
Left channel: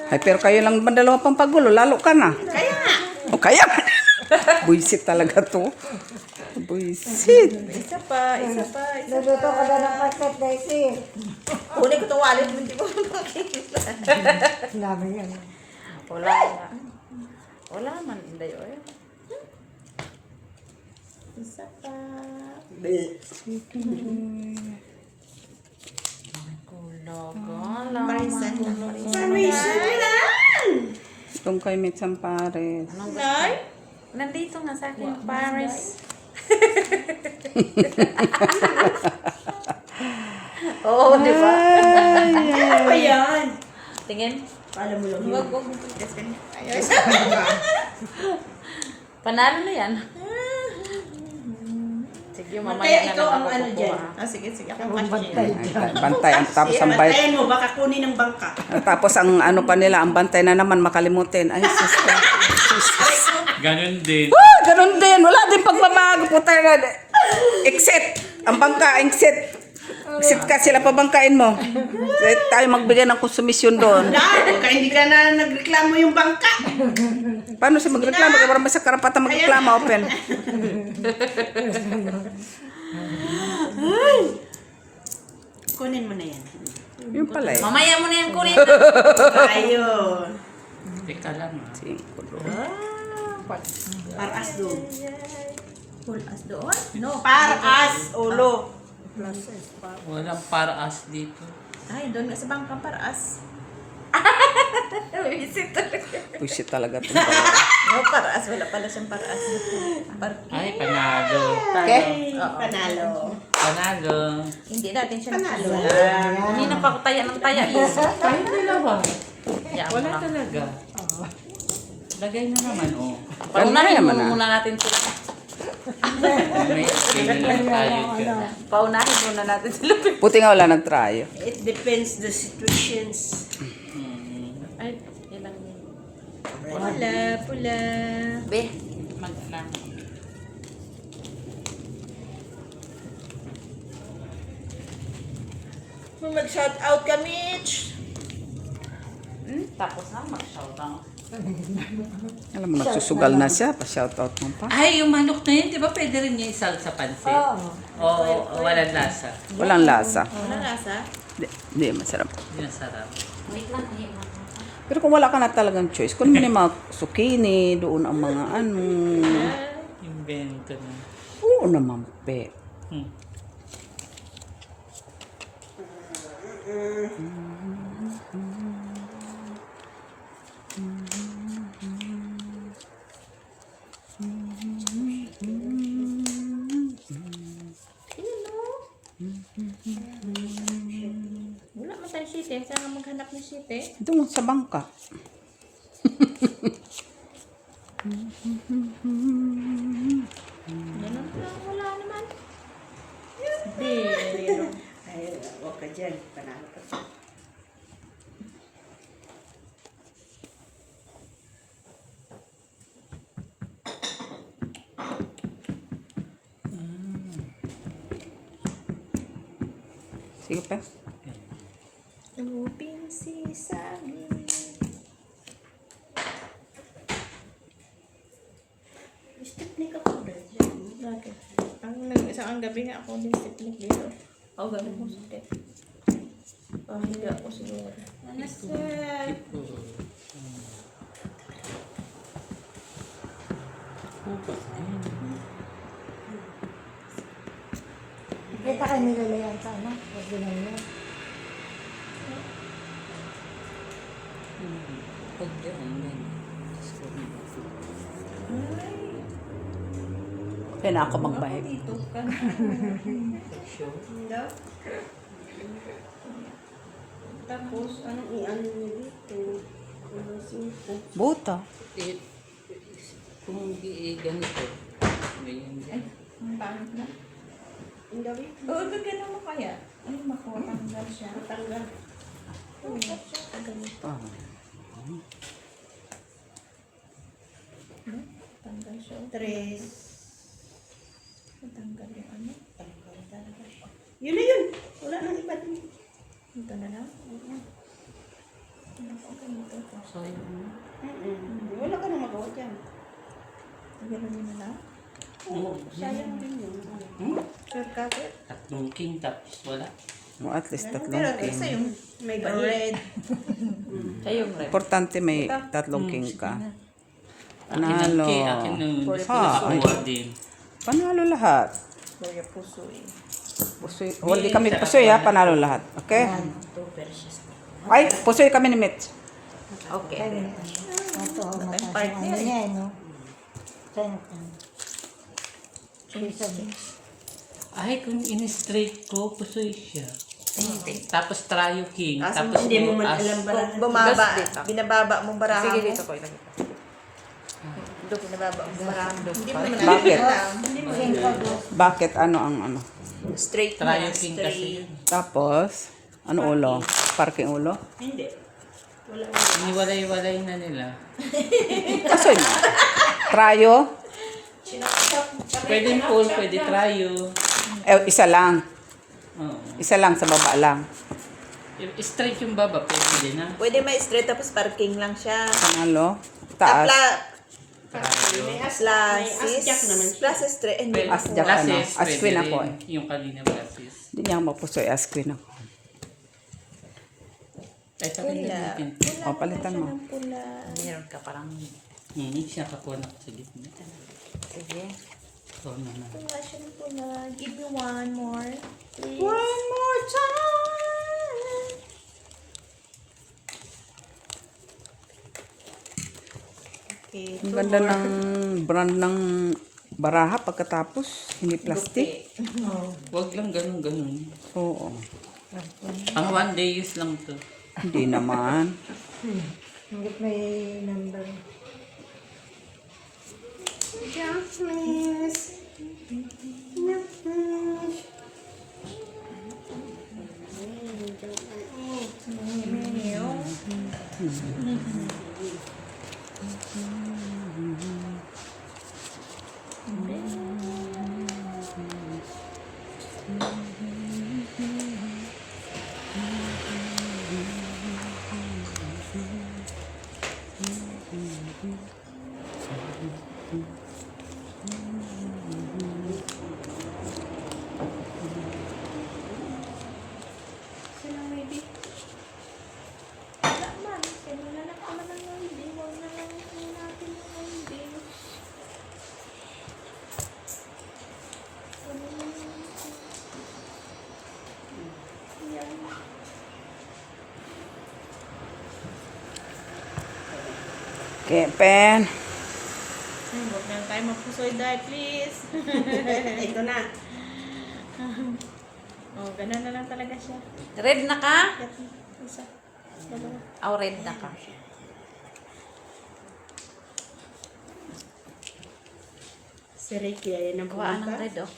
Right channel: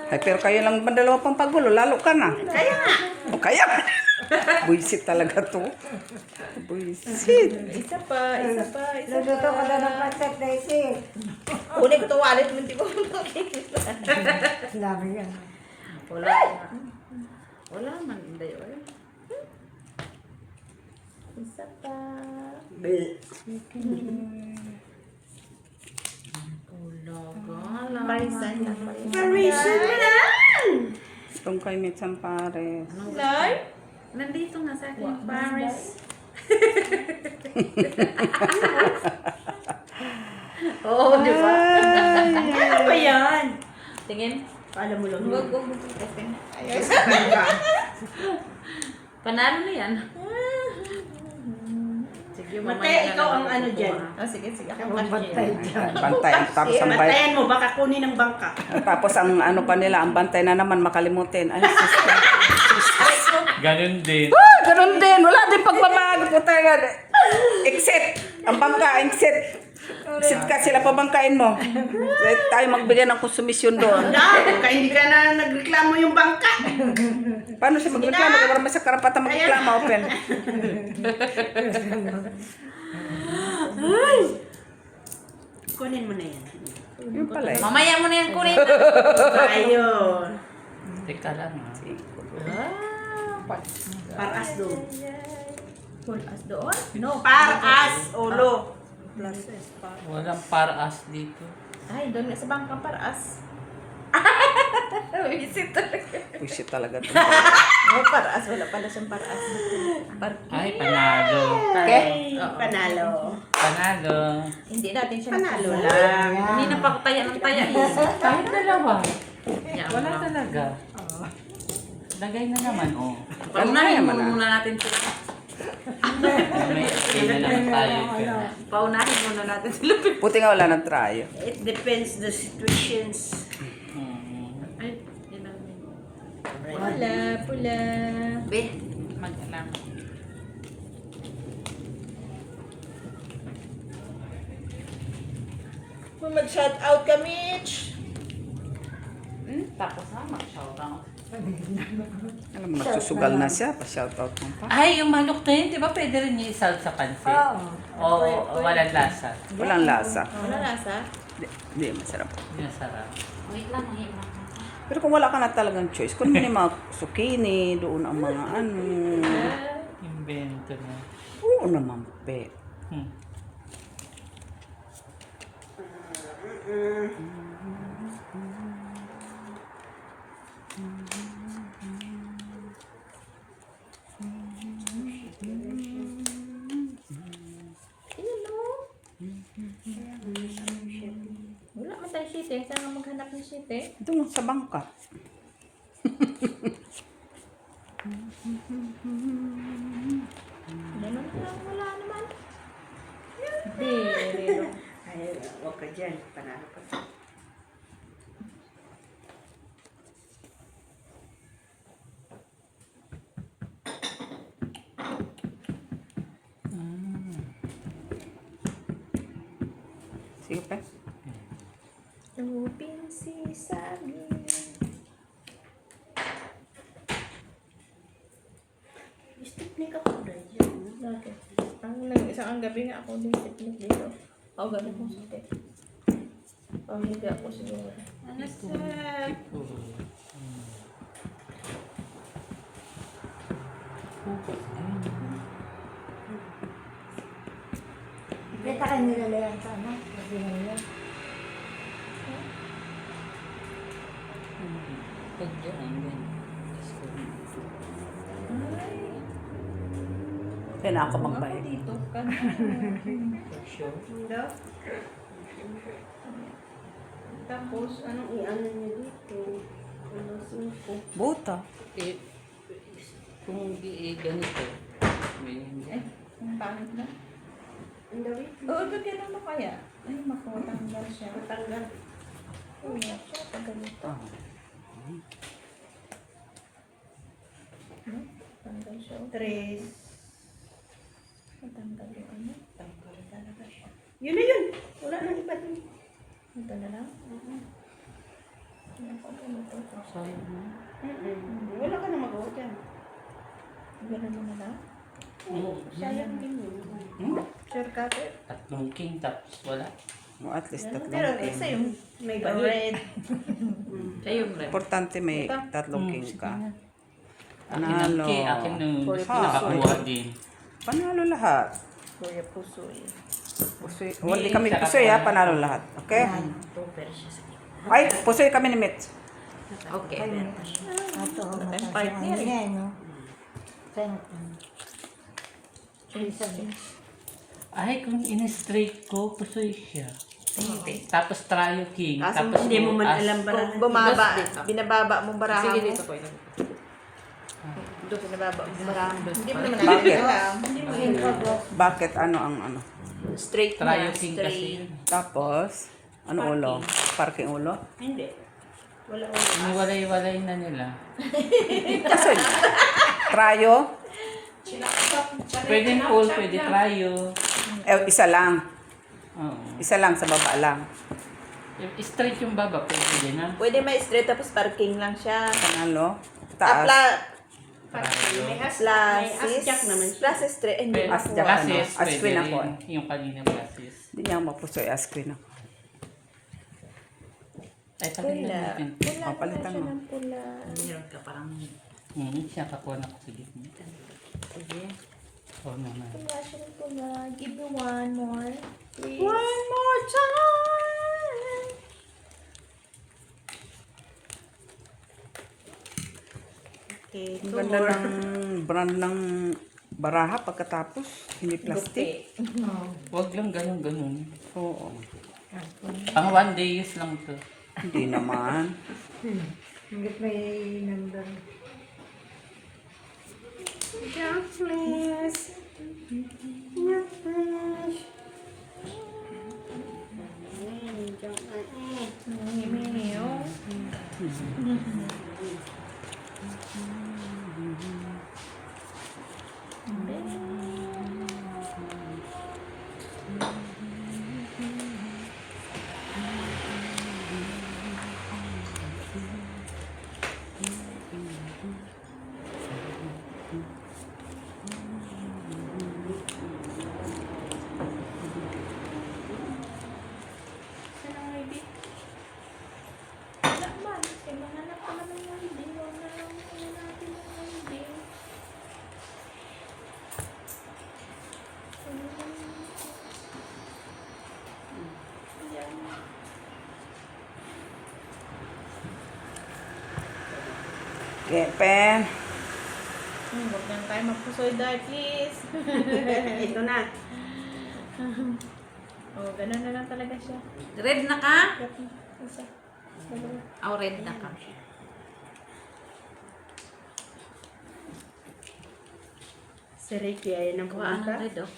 Ay, pero kayo lang ba dalawa pang pagulo? Lalo ka na. Kaya nga. O, kaya. Buisit talaga to. Buisit. Isa pa. Naluto ka na ng pancit, Daisy. Kunin ko itong wallet mo, hindi ko makikita. Dami yan. Wala na. Wala man. Hindi, oy. Isa pa. Kulaga. Parisan. Reason na lang. Itong kay Mitsan Pares. Anong gusto? Nandito nga sa akin, Paris. Oo, di ba? Ano ba yan? Tingin. Alam mo lang Huwag yun. mo kasi. Panalo na yan. Sige, Mataya, mamaya na ikaw lang ang ako ano dyan. kukuha. Ah, sige. Ako Bantay. Tapos ang bayad. Bantayan mo, baka kunin ng bangka. Tapos ang ano pa nila, ang bantay na naman makalimutin. Ay, sister. Ganun din. Ganun din. Wala din pagbabago po tayo. Exit. Ang bangka, exit. Exit ka, sila pabangkain mo. Tayo magbigay ng konsumisyon doon. Wala, kaya hindi ka na nagreklamo yung bangka. Paano siya magreklamo? Kaya marami sa karapatan magreklamo. Open. Kunin mo na yan. Yung pala eh. Mamaya mo na yan kunin. Ayun. Teka lang. Paras doon. Full as doon? No, paras, ulo. Walang para-as dito. Ay, doon nga sa bangkang paraas. Visit talaga. Pusit talaga ito. No, paraas. Wala pala siyang paraas. Parking. Ay, panalo. Okay? Oo. Panalo. Panalo. Hindi natin siya Panalo. nakasala. Kanina pa ako taya ng taya. Tayo dalawa. Yan Wala lang. talaga. Lagay na naman, oh. Paunahin naman muna natin sila. May okay na lang tayo. Paunahin muna natin sila. Buti nga wala nag-try. It depends the situations. Ay, ilang minute. Pula. Be, mag-alam. Mag-shout out ka, Mitch. Tapos na, mag-shout out. Alam mo, nagsusugal na siya. Pa-shoutout mo pa. Ay, yung manok na yun, di ba pwede rin niya isal sa pansit? O walang lasa? Walang lasa. Wala lasa? Hindi, masarap. Yun sarap. Wait lang, mahirap. Pero kung wala ka na talagang choice, kung may mga zucchini, doon ang mga ano. Invento mo. Oo naman, pe. Hmm. Wala man tayo site. Saan nga maghanap ng site? Doon sa bangka. Ganun lang. Wala naman. Hindi. Ay, huwag ka dyan. Panalo ka. Sige pa. Upin si Sally. Stipnik ako dyan. Bakit? Ang gabi na ako din siplik dito. Ako ganun kong sakit. Pamilya ako siguro. Ano sir? Kaya tayo nilalayan sa ano? Kasi ngayon. Pag yan, then. Kaya na ako Ako magbayad. dito ka na. Sure. Daw? Tapos, Anong i-ano niyo dito? Ano, 5. Buta. Eh, kung ganito, ganyan ay, ang pangit na. Ang gabi? Oo, gagana mo kaya. Ay, makotanggal siya. Matanggal. Oo, siya, pag ganito. No? Tanggal siya. 3. Matanggal yung ano. Tanggal talaga siya. Yun na yun. Wala nang iba dun. Ito na lang. Ano pa ganito ko? Sorry. Wala ka nang magawa dyan. Ganun mo na lang. Sayang din yun. Sure ka, Pep? Tatlong king, tapos wala. No, at least Pero tatlong isa king. yung May red. Siya yung red. Importante may tatlong king ka. Akin ang Panalo. king, akin nung Puri-puso. nakakuha din. Panalo lahat. Kuya puso eh. Pusoy. Hindi kami pusoy ha, panalo lahat. Okay? Ay, pusoy kami ni Mitch. Okay. Ito, partner eh. yan, no? Center. Ay, kung in-straight ko, pusoy siya. Tapos trio king. Kaso Tapos Hindi mo man as. alam barahan. Kung bumaba, Just dito. binababa mong barahan Sige, mo. dito ko ilagay. Binababa mong barahan mo. Hindi mo Bakit? naman alam. Bakit? Ano ang ano? Straight Trio na, king straight. kasi. Tapos, ano ulo? Parking ulo? Hindi. Wala. Iniwalay-walay na nila. Pusoy na. Trayo? Pwede full, pwede trio. Isa lang. Oo. Isa lang sa baba lang. If straight yung baba, pwede din ha. Pwede may straight tapos parking lang siya. Panalo? Taas. May as Plus jack naman siya. plus straight. Hindi Pwede. As ako. jack. Basis, As pwede queen rin. ako Yung kanina basis. Hindi niya ako magpusoy. As queen ako. Ito rin Pula. natin. Pula O, palitan naman siya mo. ng pula. Meron ka parang... Siya kakuha na ko sa gitna. Sige. Oh, naman. Pula siya ng pula. Give me one more. Please. One more time. Okay. Ang ganda ng brand ng baraha pagkatapos. Hindi plastic. Huwag lang ganun. Oo. Pang 1 day use lang to. Hindi naman. Hanggat may number. Okay, pen. Huwag na tayo magpusoy dahil, please. Ito na. Oh, ganun na lang talaga siya. Red na ka? Isa. Dalawa. Oh, red na ka. Si Ricky, ayan ang Kuhaan ng pumunta. red, oh.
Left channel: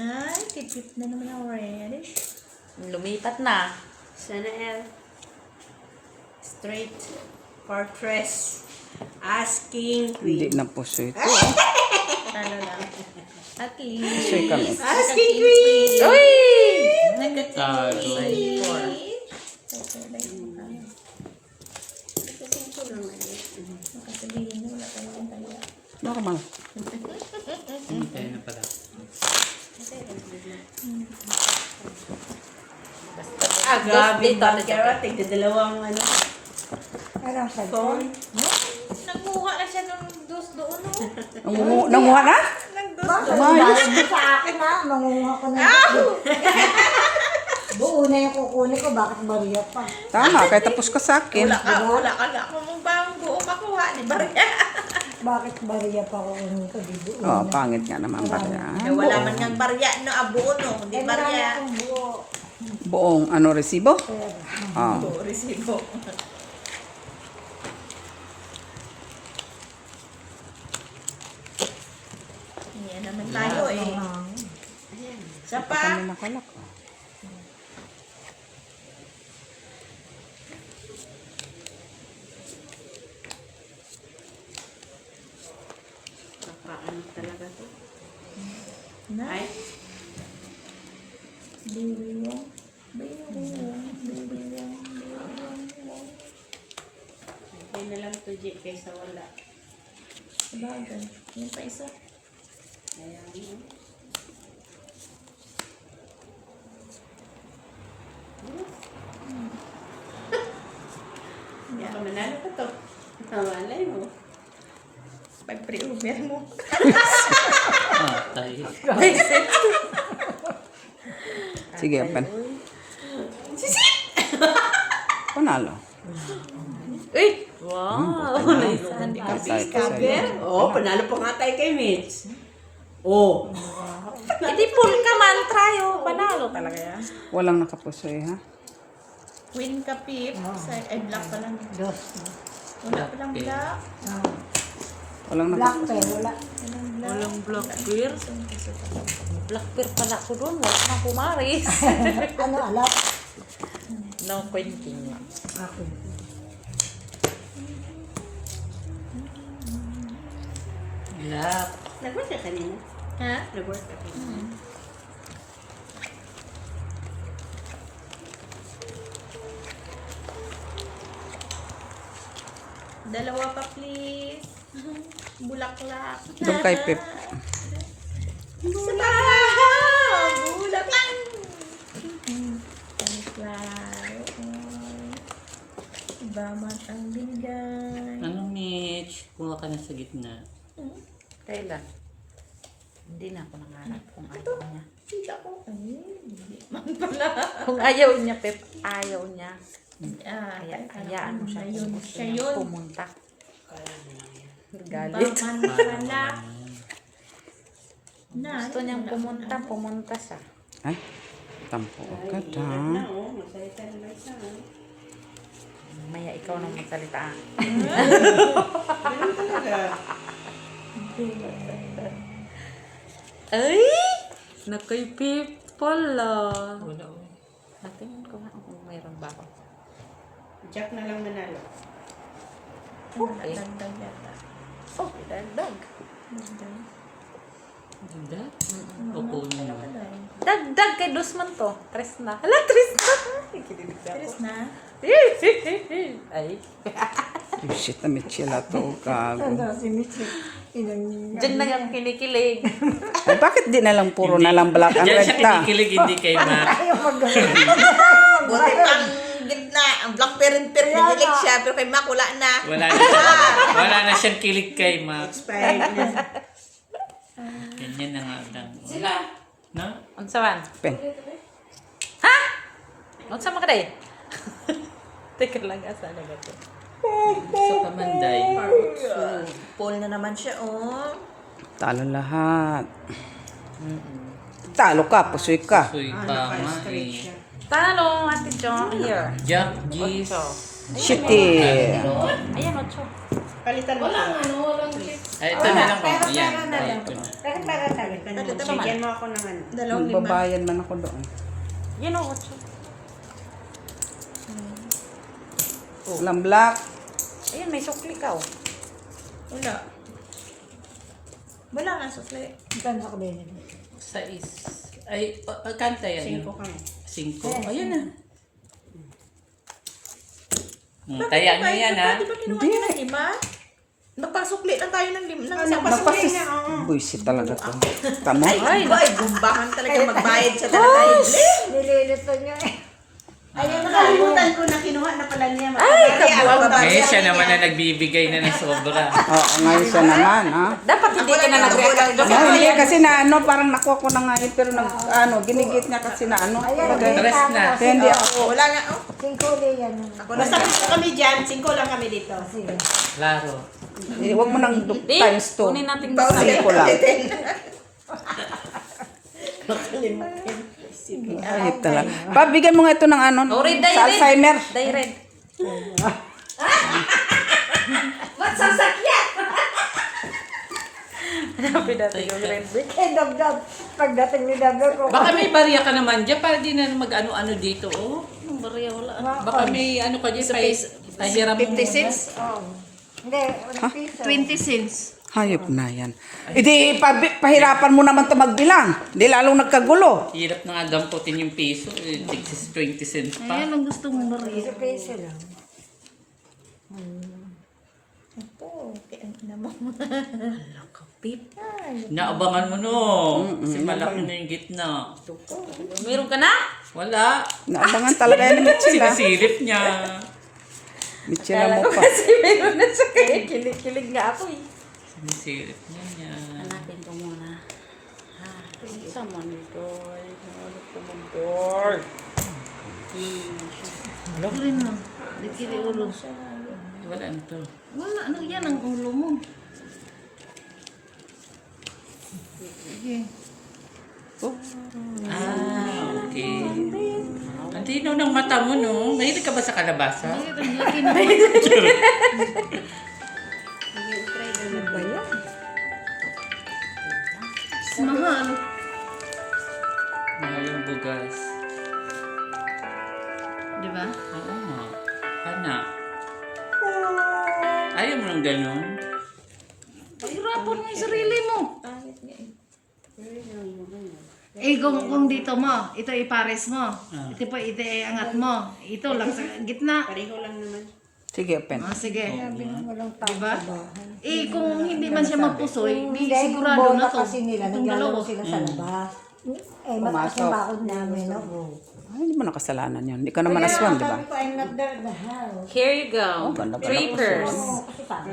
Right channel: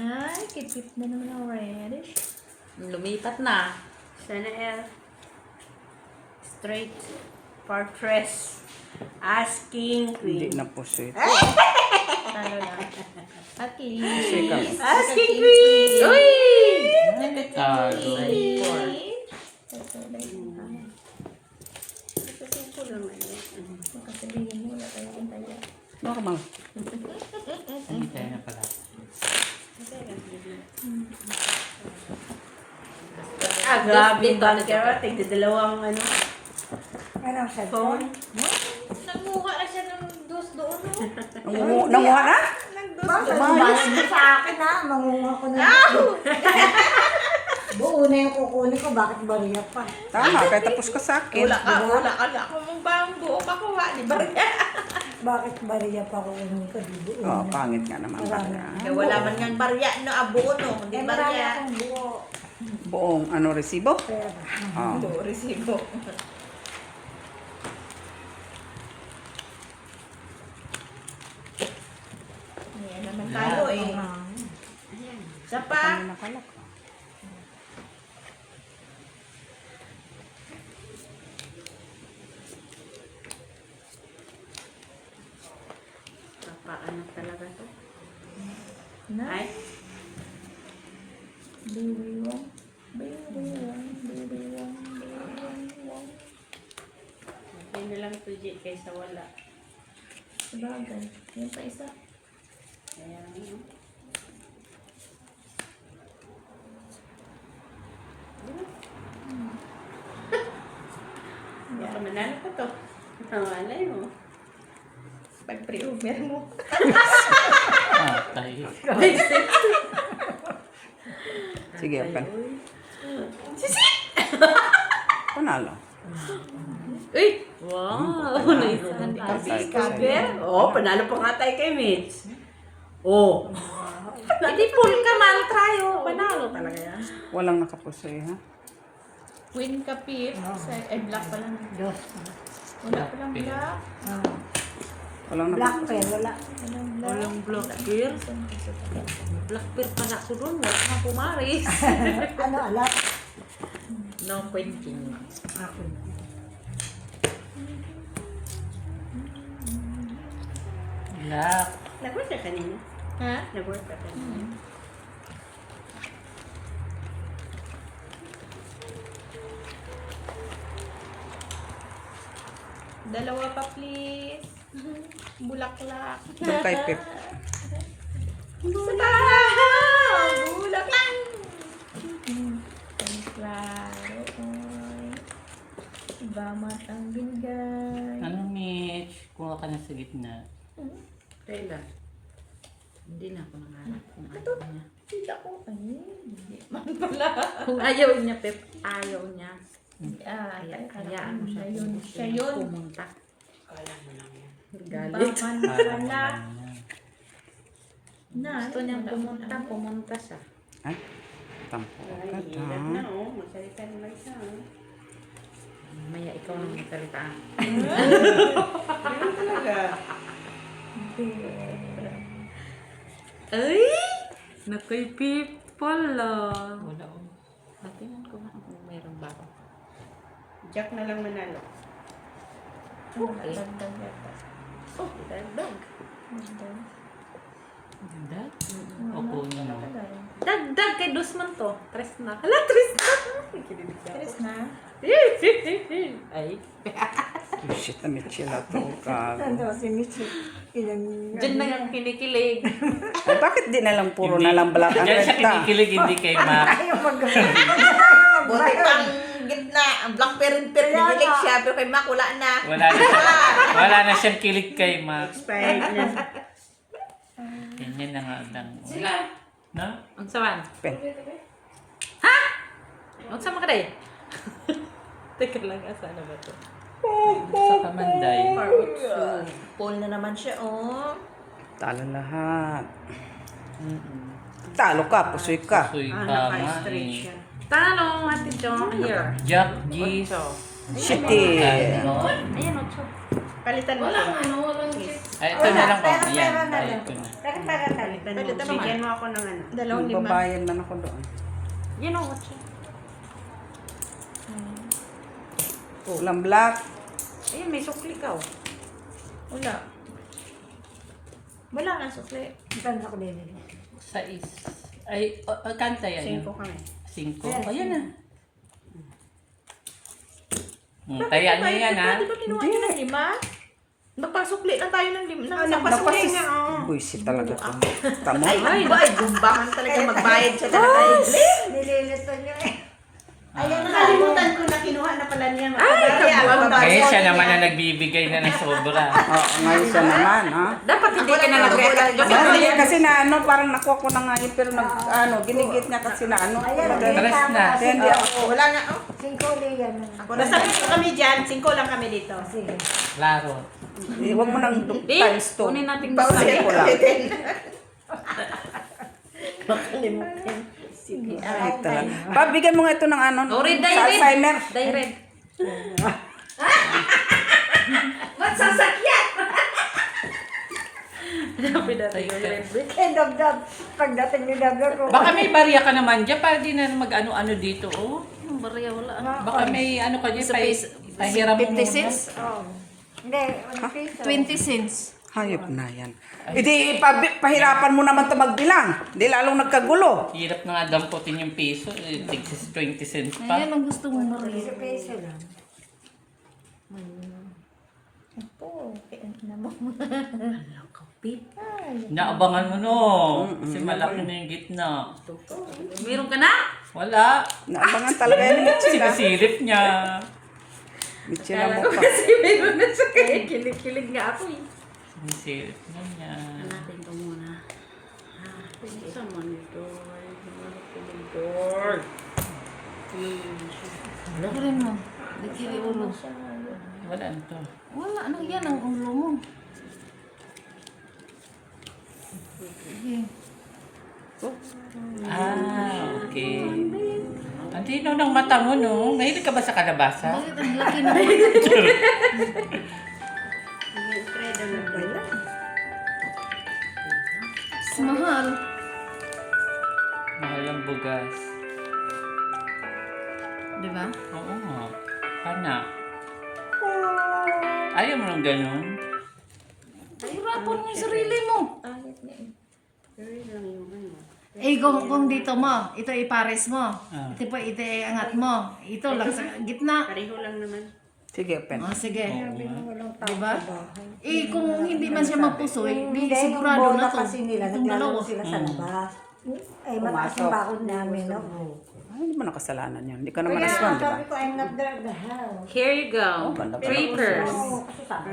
Ay, kipit na naman ang reddish. Lumipat na. Sana straight fortress. Asking Hindi queen. na po sweet. Talo lang. At least. Second. Asking queen! Uy! Okay, makasabihin na wala tayong taya. Normal. Hintay na pala. Ah, grabe Dito, yung dito, banker. Tigdadalawang ano. Meron siya Phone. Nanguha na siya ng dos doon, no? Nanguha na? Bakit? Dahil mo sa akin ha, mangunga ko na. Buo na yung kukunin ko, bakit bariya pa? Tama, kaya tapos ka sa akin. Wala ka na. Kung ba ang buo makuha, di ba? Bakit bariya pa kukunin ko, di buo Oh, na. pangit nga naman pala. Wala man nga barya, no? Buo, no? Di Eh, marami barya. akong buo. Buong resibo? Pero, Ah. Buo, resibo. Yan naman tayo, eh. Isa pa. Ano makalap? Paano talaga to? Na? Ay, Baby wong. Baby wong. Baby wong. Baby wong. okay na lang to, Jit, kaysa wala. Sabagay. Yan pa isa. Kaya, ano? Hindi ka manalo pa to. Malay mo. Pag pre-over mo. Tayo. Sige, pen. Panalo. Uy! Wow! Naisahan ka. Cover? Oo, panalo pa nga tayo kay Mitch. Oo. Hindi full ka man. Try, oh. Panalo talaga yan. Walang nakapusoy, ha? Win ka, Pip. Ay, black pa lang. dos. Wala pa lang black. Walang Black nakapusoy. pa wala. Walang black beer. Black beer pala ko doon. Wala nang pumaris. Ano, alat? No quenching lang. Black. Nag-work ka kanina? Ha? Nag-work ka kanina? Dalawa pa, please. Bulaklak. Doon kay Pip. Bulaklak. Sunflower. Iba matang binigay. Anong Mitch? Kuha ka na sa gitna. Kailan? Hindi na ako nangarap kung ayaw niya. Hindi ako. Ay, hindi man pala. Kung ayaw niya, Pep, ayaw niya. Hayaan mo siya kung gusto Siya niya yun. pumunta. Galit. Baka wala. Na. Gusto niyang pumunta siya. Ay, tampo agad Hirap ha. na, oh. Magsalita na may isa. Maya ikaw nang magsalita. Ganun talaga. Ay! Nakoy people ah. Wala. Tingnan ko nga kung mayroon ba ako. Jack na lang manalo. Okay. Dagdag yata. Oh, dagdag. Ganda? Opo na. Dagdag kay Dusman to. Tres na. Hala, tres na. Kinilig na ako. Tres na. Ay. Oh, shit, na Michela to. Gago. Ano si Michi? Ilang Diyan na nga kinikilig. Ay, bakit di na lang puro na lang black and Diyan red siya ta? kinikilig, hindi kay Ma. Buti pang gitna, ang black perin-per, nagilig siya, pero kay Mac wala na. Wala na siyang kilig kay Ma. Expired na. Ganyan na nga ang sila. No? Unsa man? Pen. Ha? Unsa man ka day? Teka lang, asa na ba to? Sa Kamanday. Paul na naman siya, oh. Talo lahat. Talo ka, pusoy ka. Suy ka, Ma. Naka-straight siya. Talo, Ate Jo. Here. Jack, G's. Ocho. Shitty. Ayan, ocho. Palitan mo siya. Ay, ito na lang ba? Ayan. Ay, ito na. Palitan mo. Bigyan mo ako ng ano. Dalawang lima. Babayan man ako doon. Yan o, ocho. Ulang black. Ayan, may sukli ka o. Wala. Wala nga sukli. Tanda ko din. Sais. Ay, kanta yan. 5 kami. 5. Ayan na. Taya niya yan, ha? Di ba kinuha niya ng lima? Magpasukli lang tayo ng lima. Ng isang pasukli Napasis. niya, oh. Buisit talaga to. Tamo? Ay, Ay, gumbahan talaga magbayad siya talaga. Nililito niya eh. Ayan, nakalimutan ko na kinuha na pala niya. Ay, kabuang ba? Ngayon siya naman na nagbibigay na ng sobra. Ngayon siya naman, ha? Dapat hindi ka na nag-react ka. Jo, pero Hindi, yan. kasi na ano, parang nakuha ko na nga yun, pero ginigit niya kasi na ano. Alas na. Kaya hindi ako. Oh, wala nga, oh. 5 yan. Ako na Basta gusto kami dyan, 5 lang kami dito. Sige. Klaro. Huwag mo nang Di, times 2. kunin natin Bawal gusto. Ko lang. Ay, talaga. Pabigyan mo nga ito ng ano, Oh, red, sa red. Alzheimer. Dye red. Magsasakyan! Hanapin natin yung red, be. Eh, dog. Pagdating ni Dagger ko. Baka may barya ka naman dyan para di na mag-ano-ano dito, oh. Anong barya? Wala. Baka may ano ka dyan, pahiram mo muna. Hindi, 20 cents. Hayop na yan. Hindi, pahirapan mo naman ito magbilang. Hindi lalong nagkagulo. Hirap na nga damputin yung piso, 20 cents pa. Ayan ang gusto mong Maria. peso lang. Oh, kaya naman. Naabangan mo no. Kasi malaki na yung gitna. Meron ka na? Wala. Naabangan talaga yan ni Michela. Sinisilip niya. Michela Kala ko mo ka. kasi meron na siya. Kaya kilig-kilig nga ako eh. Sinisilip niya. Hanapin ko muna. Sa monitor. Ano ko monitor? Rin mo. Dikiri ulo. Wala na to. Wala na yan ang ulo mo. Ah, okay. Ang tinaw ng mata mo, no? Mahilig ka ba sa kalabasa? Bakit ang laki na? Mahal. Mahal ang bugas. Di ba? Oo nga. Pana. Ayaw mo ng ganyan? Pahirapan mo yung sarili mo. Eh, kung dito mo, ito ipares mo. Ito pa, ito iangat mo. Ito lang sa gitna. Pareho lang naman. Sige, pen. Oh, sige. Walang tao. Diba? Eh, kung hindi man siya mapusoy, di Hindi, sigurado bola na to. kasi nila, Itong naglalaro dalawa. sila sa labas. Eh, mataas yung bakod namin, no? Ay, hindi mo nakasalanan yun. Hindi ka naman aswan, di ba? Sabi ko, I'm not there the hell. Here you go. ganda pala. 3 pairs. Oo, kasi sabi.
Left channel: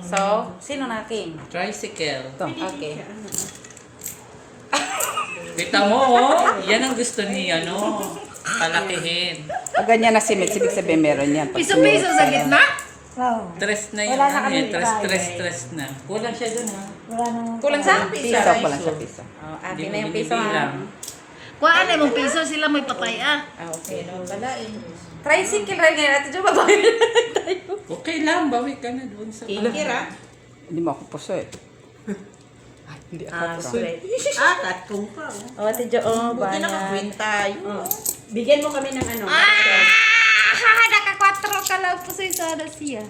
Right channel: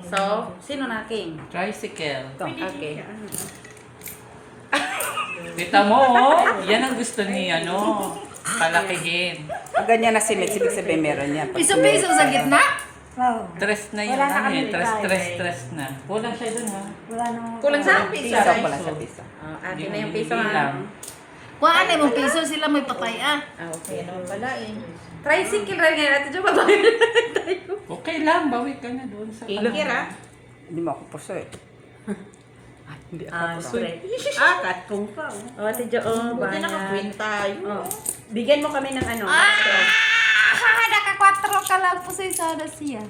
So, sino na king? Tricycle. Okay. Kita mo, oh. Yan ang gusto ni, ano. Palakihin. Pag ganyan na si Mitch, ibig sabihin meron yan. Pag Piso-piso sa gitna? No. Stress na yun. Wala na Ano kami yun? Stress na. Kulang siya dun ha. Wala nang... Kulang sa? Piso ko lang sa piso. Oh, akin na yung piso ha. Bilang. Kung ano mong piso, sila may patay ah. Ah, okay. Ano pala eh. Tricycle rin ngayon natin. Diyo ba tayo? Okay lang, bawi ka na doon sa Kira. Hindi mo ako puso eh. Ay, hindi ako puso. Kat kung pa. O, Ate Jo, oh, Buti banyan. naka-green tayo. Bigyan mo kami ng ano. Naka-4 ka lang po sa sana siya.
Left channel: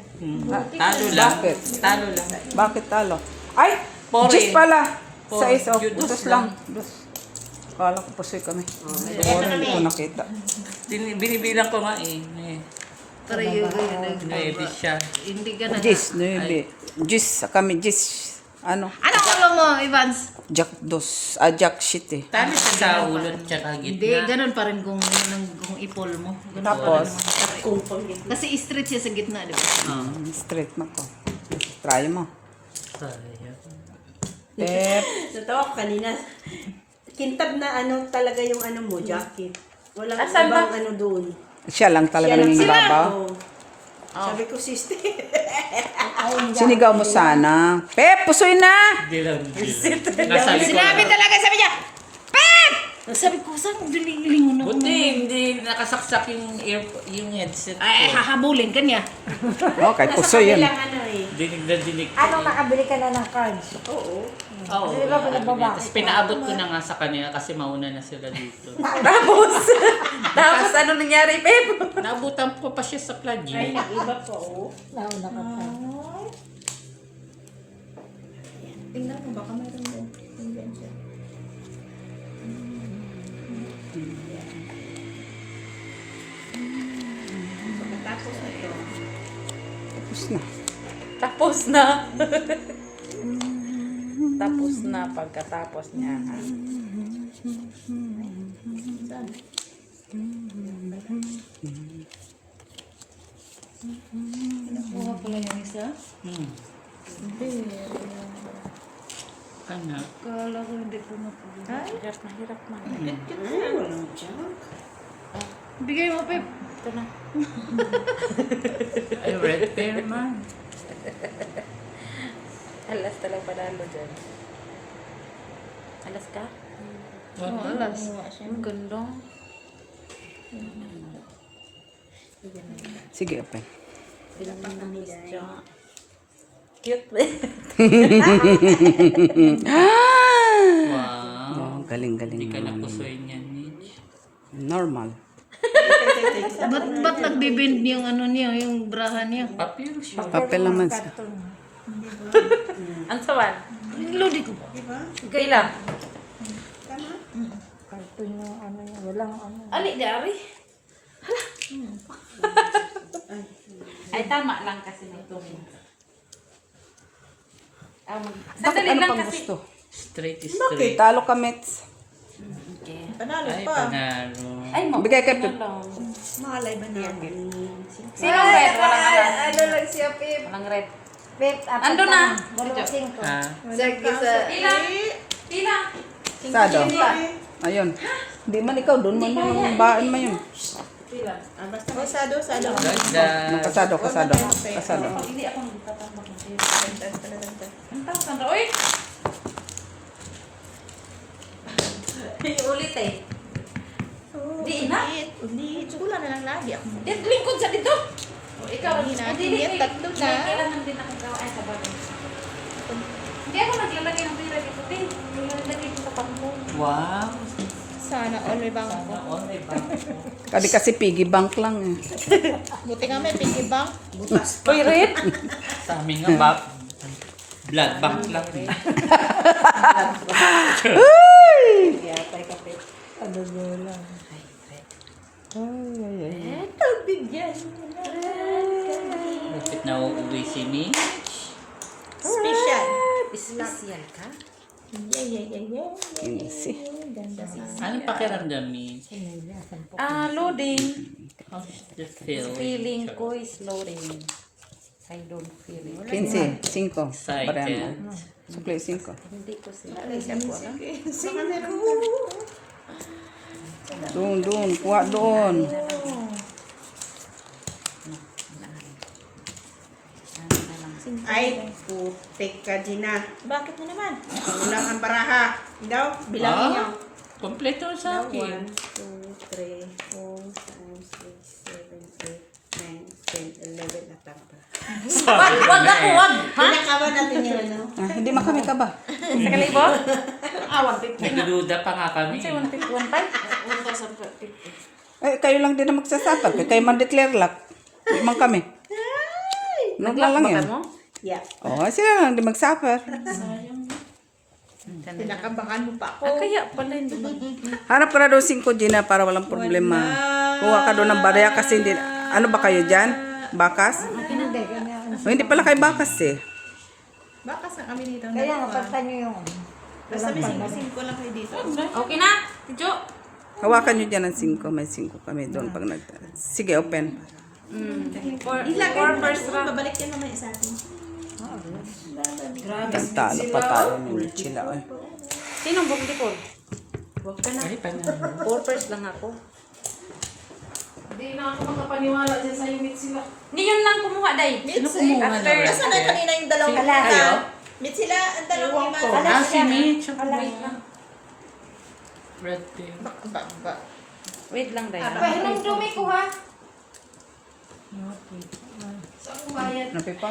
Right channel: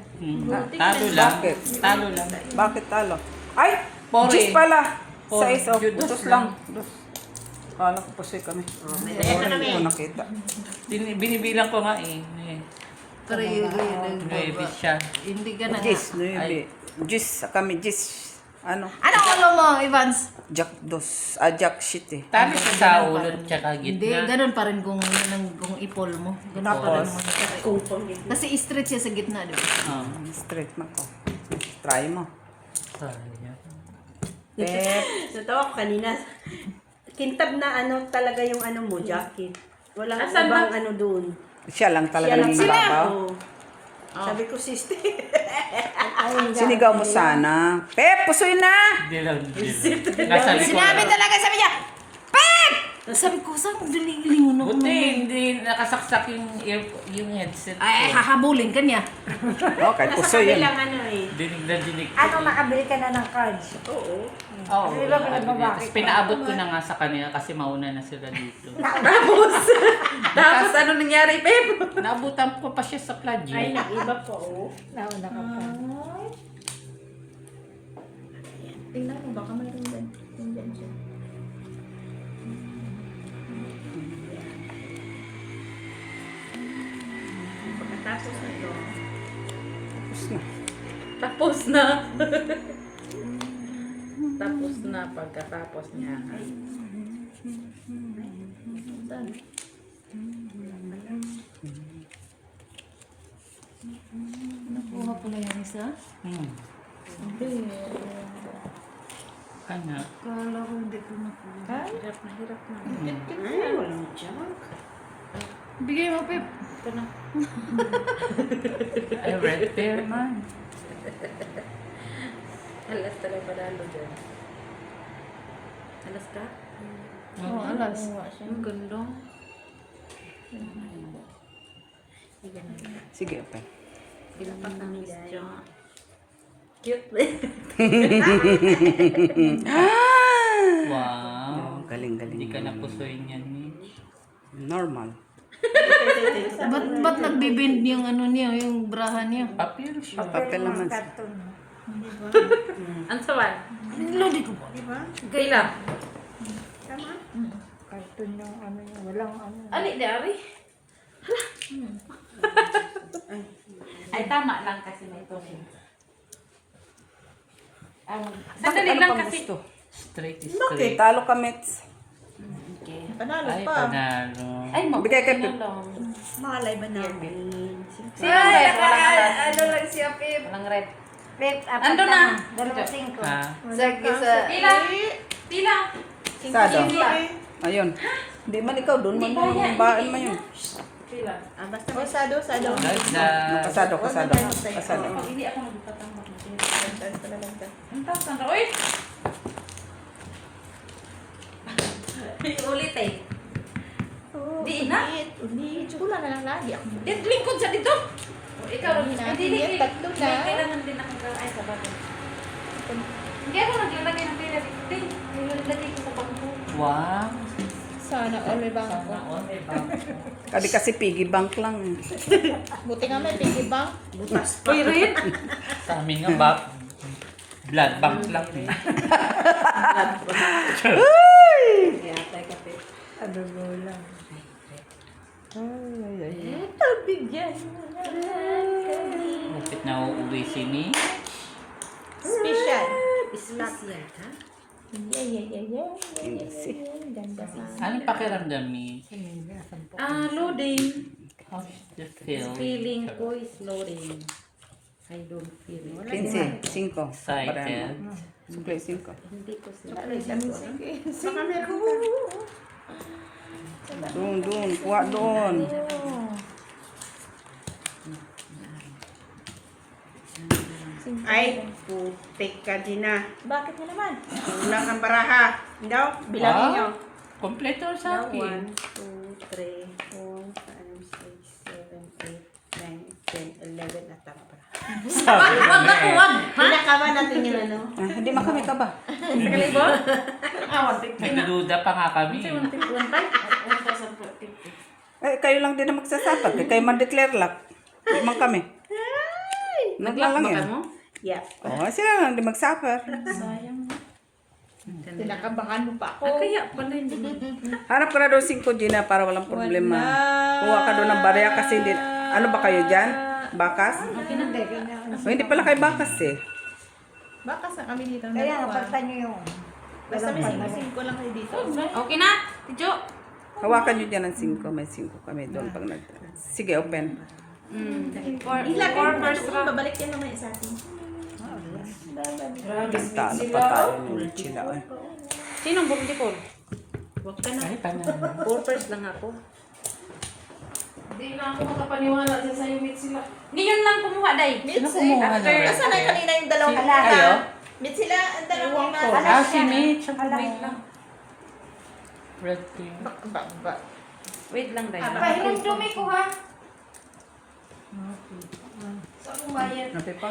Talo lang. Bakit? Talo lang. Bakit talo? Ay! Pore. Gis pala! Pore. Size of Dos dos lang. lang. Dos. Kala ko puso kami. May Hindi ko nakita. Binibilang ko nga eh. Pero yun. Nuebe siya. Hindi ka na. Gis, nuebe. Gis, kami gis. Ano? Anong ulo mo, Evans? Jack dos. Jack shit eh. Talo siya sa ulot tsaka Hindi, gitna. ganun pa rin kung ipol mo. Ganun Tapos, kung pa. Kasi straight siya sa gitna, di ba? straight na to. Try mo. Sayang. Tep. Ito, kanina. Kintab na ano talaga yung ano mo, jacket. Wala Asan ba? ibang ano doon. Siya lang talaga ng babaw. Oo. Sabi ko, sister. Sinigaw mo sana. Pep, pusoy na! Hindi lang. Nasabi ko Sinabi lang. talaga, sabi niya, Pep! Sabi ko, saan mo diniling mo? Buti, hindi nakasaksak yung headset Ay, ko. hahabulin ka niya. Oh, kahit Nasa pusoy yan. kabilang ano eh. Dinig na dinig ko. Ano, nakabili ka na ng cards? Oo. Oo. Kasi diba pinagbabakit Tapos pinaabot ko na nga sa kanila kasi mauna na sila dito. Tapos ano nangyari, Pep? Naabutan ko pa siya sa plug Ay, eh. nag-iba pa, oo. Nauna ka pa. Tingnan mo, baka mayroon din. Tingnan siya. Pagkatapos nito, Tapos na. Tapos na. Tapos na pagkatapos niya. Ha? Nakuha pala yung isa? Tama. Kala ko hindi ko nakuha. Hirap na hirap man. walang junk. Bigay mo, Pep. Ito na. Ay, red pair man. Alas talaga panalo dyan. Alas ka? Oo, alas. Ang ganda. Sige, okay. Pinapang ng Miss Jo. Cute. Wow. Galing-galing. Hindi ka napusoy niyan, Mitch. Normal. Ba't nagbibend yung ano niya, yung braha niya? Papiro siya. Papel naman siya. Ang sawan? Lodi ko po. Kailan? Cartoon yung ano, walang ano. Ali, dari. Hala. Ay, tama lang kasi may tungin. Sandali lang kasi. Straight is Okay, straight. talo ka, Mets. Panalo Ay, pa. panalo. Ay, mo. Bigay kay Pip. Malay ba namin? Sino red? Walang alas. Ano lang siya, Pip? Walang red. Pip, Ando na. 25. Ha? Sige sa... Pila? Pila? Sado. Ayun. Hindi man ikaw doon. Bain mo yun. Pila? Ah, basta O, sado. Ganda. Kasado, kasado. Kasado. Hindi ako magtatama. Dagdag. Ang taas ng uy! Ulit eh. Di na. Ulit. Wala na lang lagi. Ako Yan, lingkod sa dito. Ikaw, Hindi na. hindi Hindi, na. tatlo na. Kailangan din ako gawa ay sa bagay. Hindi ako naglalagay ng pila dito. Hindi, nilagay ko sa pangko. Wow. Sana all may bangko. Sana all may bangko. Kami kasi piggy bank lang eh. Buti nga may piggy bank. Uy, red! Sa amin nga ba? Blood bank lang. yatay ka, Pep. Ano ba lang? Ito, bigyan mo na. Lupit na uuwi si Mitch. Special. Special ka? Yeah. Easy. Ganda si Anong pakiramdam, Mitch? Loading. How's the feel? Feeling ko is loading. I don't feel it. 15, 5. Excited. Supply 5. Hindi ko sila. Hindi ko alam. Baka meron ka. Doon. Kuha doon. Ay, putik ka, Gina. Bakit mo naman? Kulang ang baraha. Daw, bilangin nyo. Kompleto sa akin. 1, 2, 3, 4, 5, 6, 7, 8, 9, 10, 11 at lang pala. Wag ako, wag. Ha? Pinakawan natin yung ano. Hindi makami ka ba? Sa kalibo? Nagdududa pa nga kami. Say 150. Kayo lang din na magsasakal. Kayo man declare lock. Hindi man kami. Nag-lock ba ka mo? Yeah. Sila lang din magsuffer. Pinakabangan mo pa ako. Kaya pala hindi mo. Hanap ka na doon 5 Gina para walang problema. Kuha ka doon ng barya kasi hindi. Ano ba kayo dyan? Bakas? Hindi, ganyan. Hindi pala kayo bakas eh. Baka sa kami dito na Kaya dalawa. napagtan nyo yung... Basta may sinasin ko lang kayo dito. Okay na? Tijo? Hawakan nyo dyan ng 5. May 5 kami doon pag nag... Sige, open. Four first round. Babalik yan naman sa atin. Talo pa tayo ng sila. Sinong bumlikol? Ay, paano? Four first lang ako. Hindi na ako makapaniwala dyan sa'yo, meet sila. Hindi yun lang kumuha, day. Mitzi. After, Asan na kanina yung dalawang Hello? mata? Meet sila, ang dalawang mata. Ah, si Mitch. Wait lang. Red pink. wait lang, day. Pahinom dumi ko ha. Napi pa?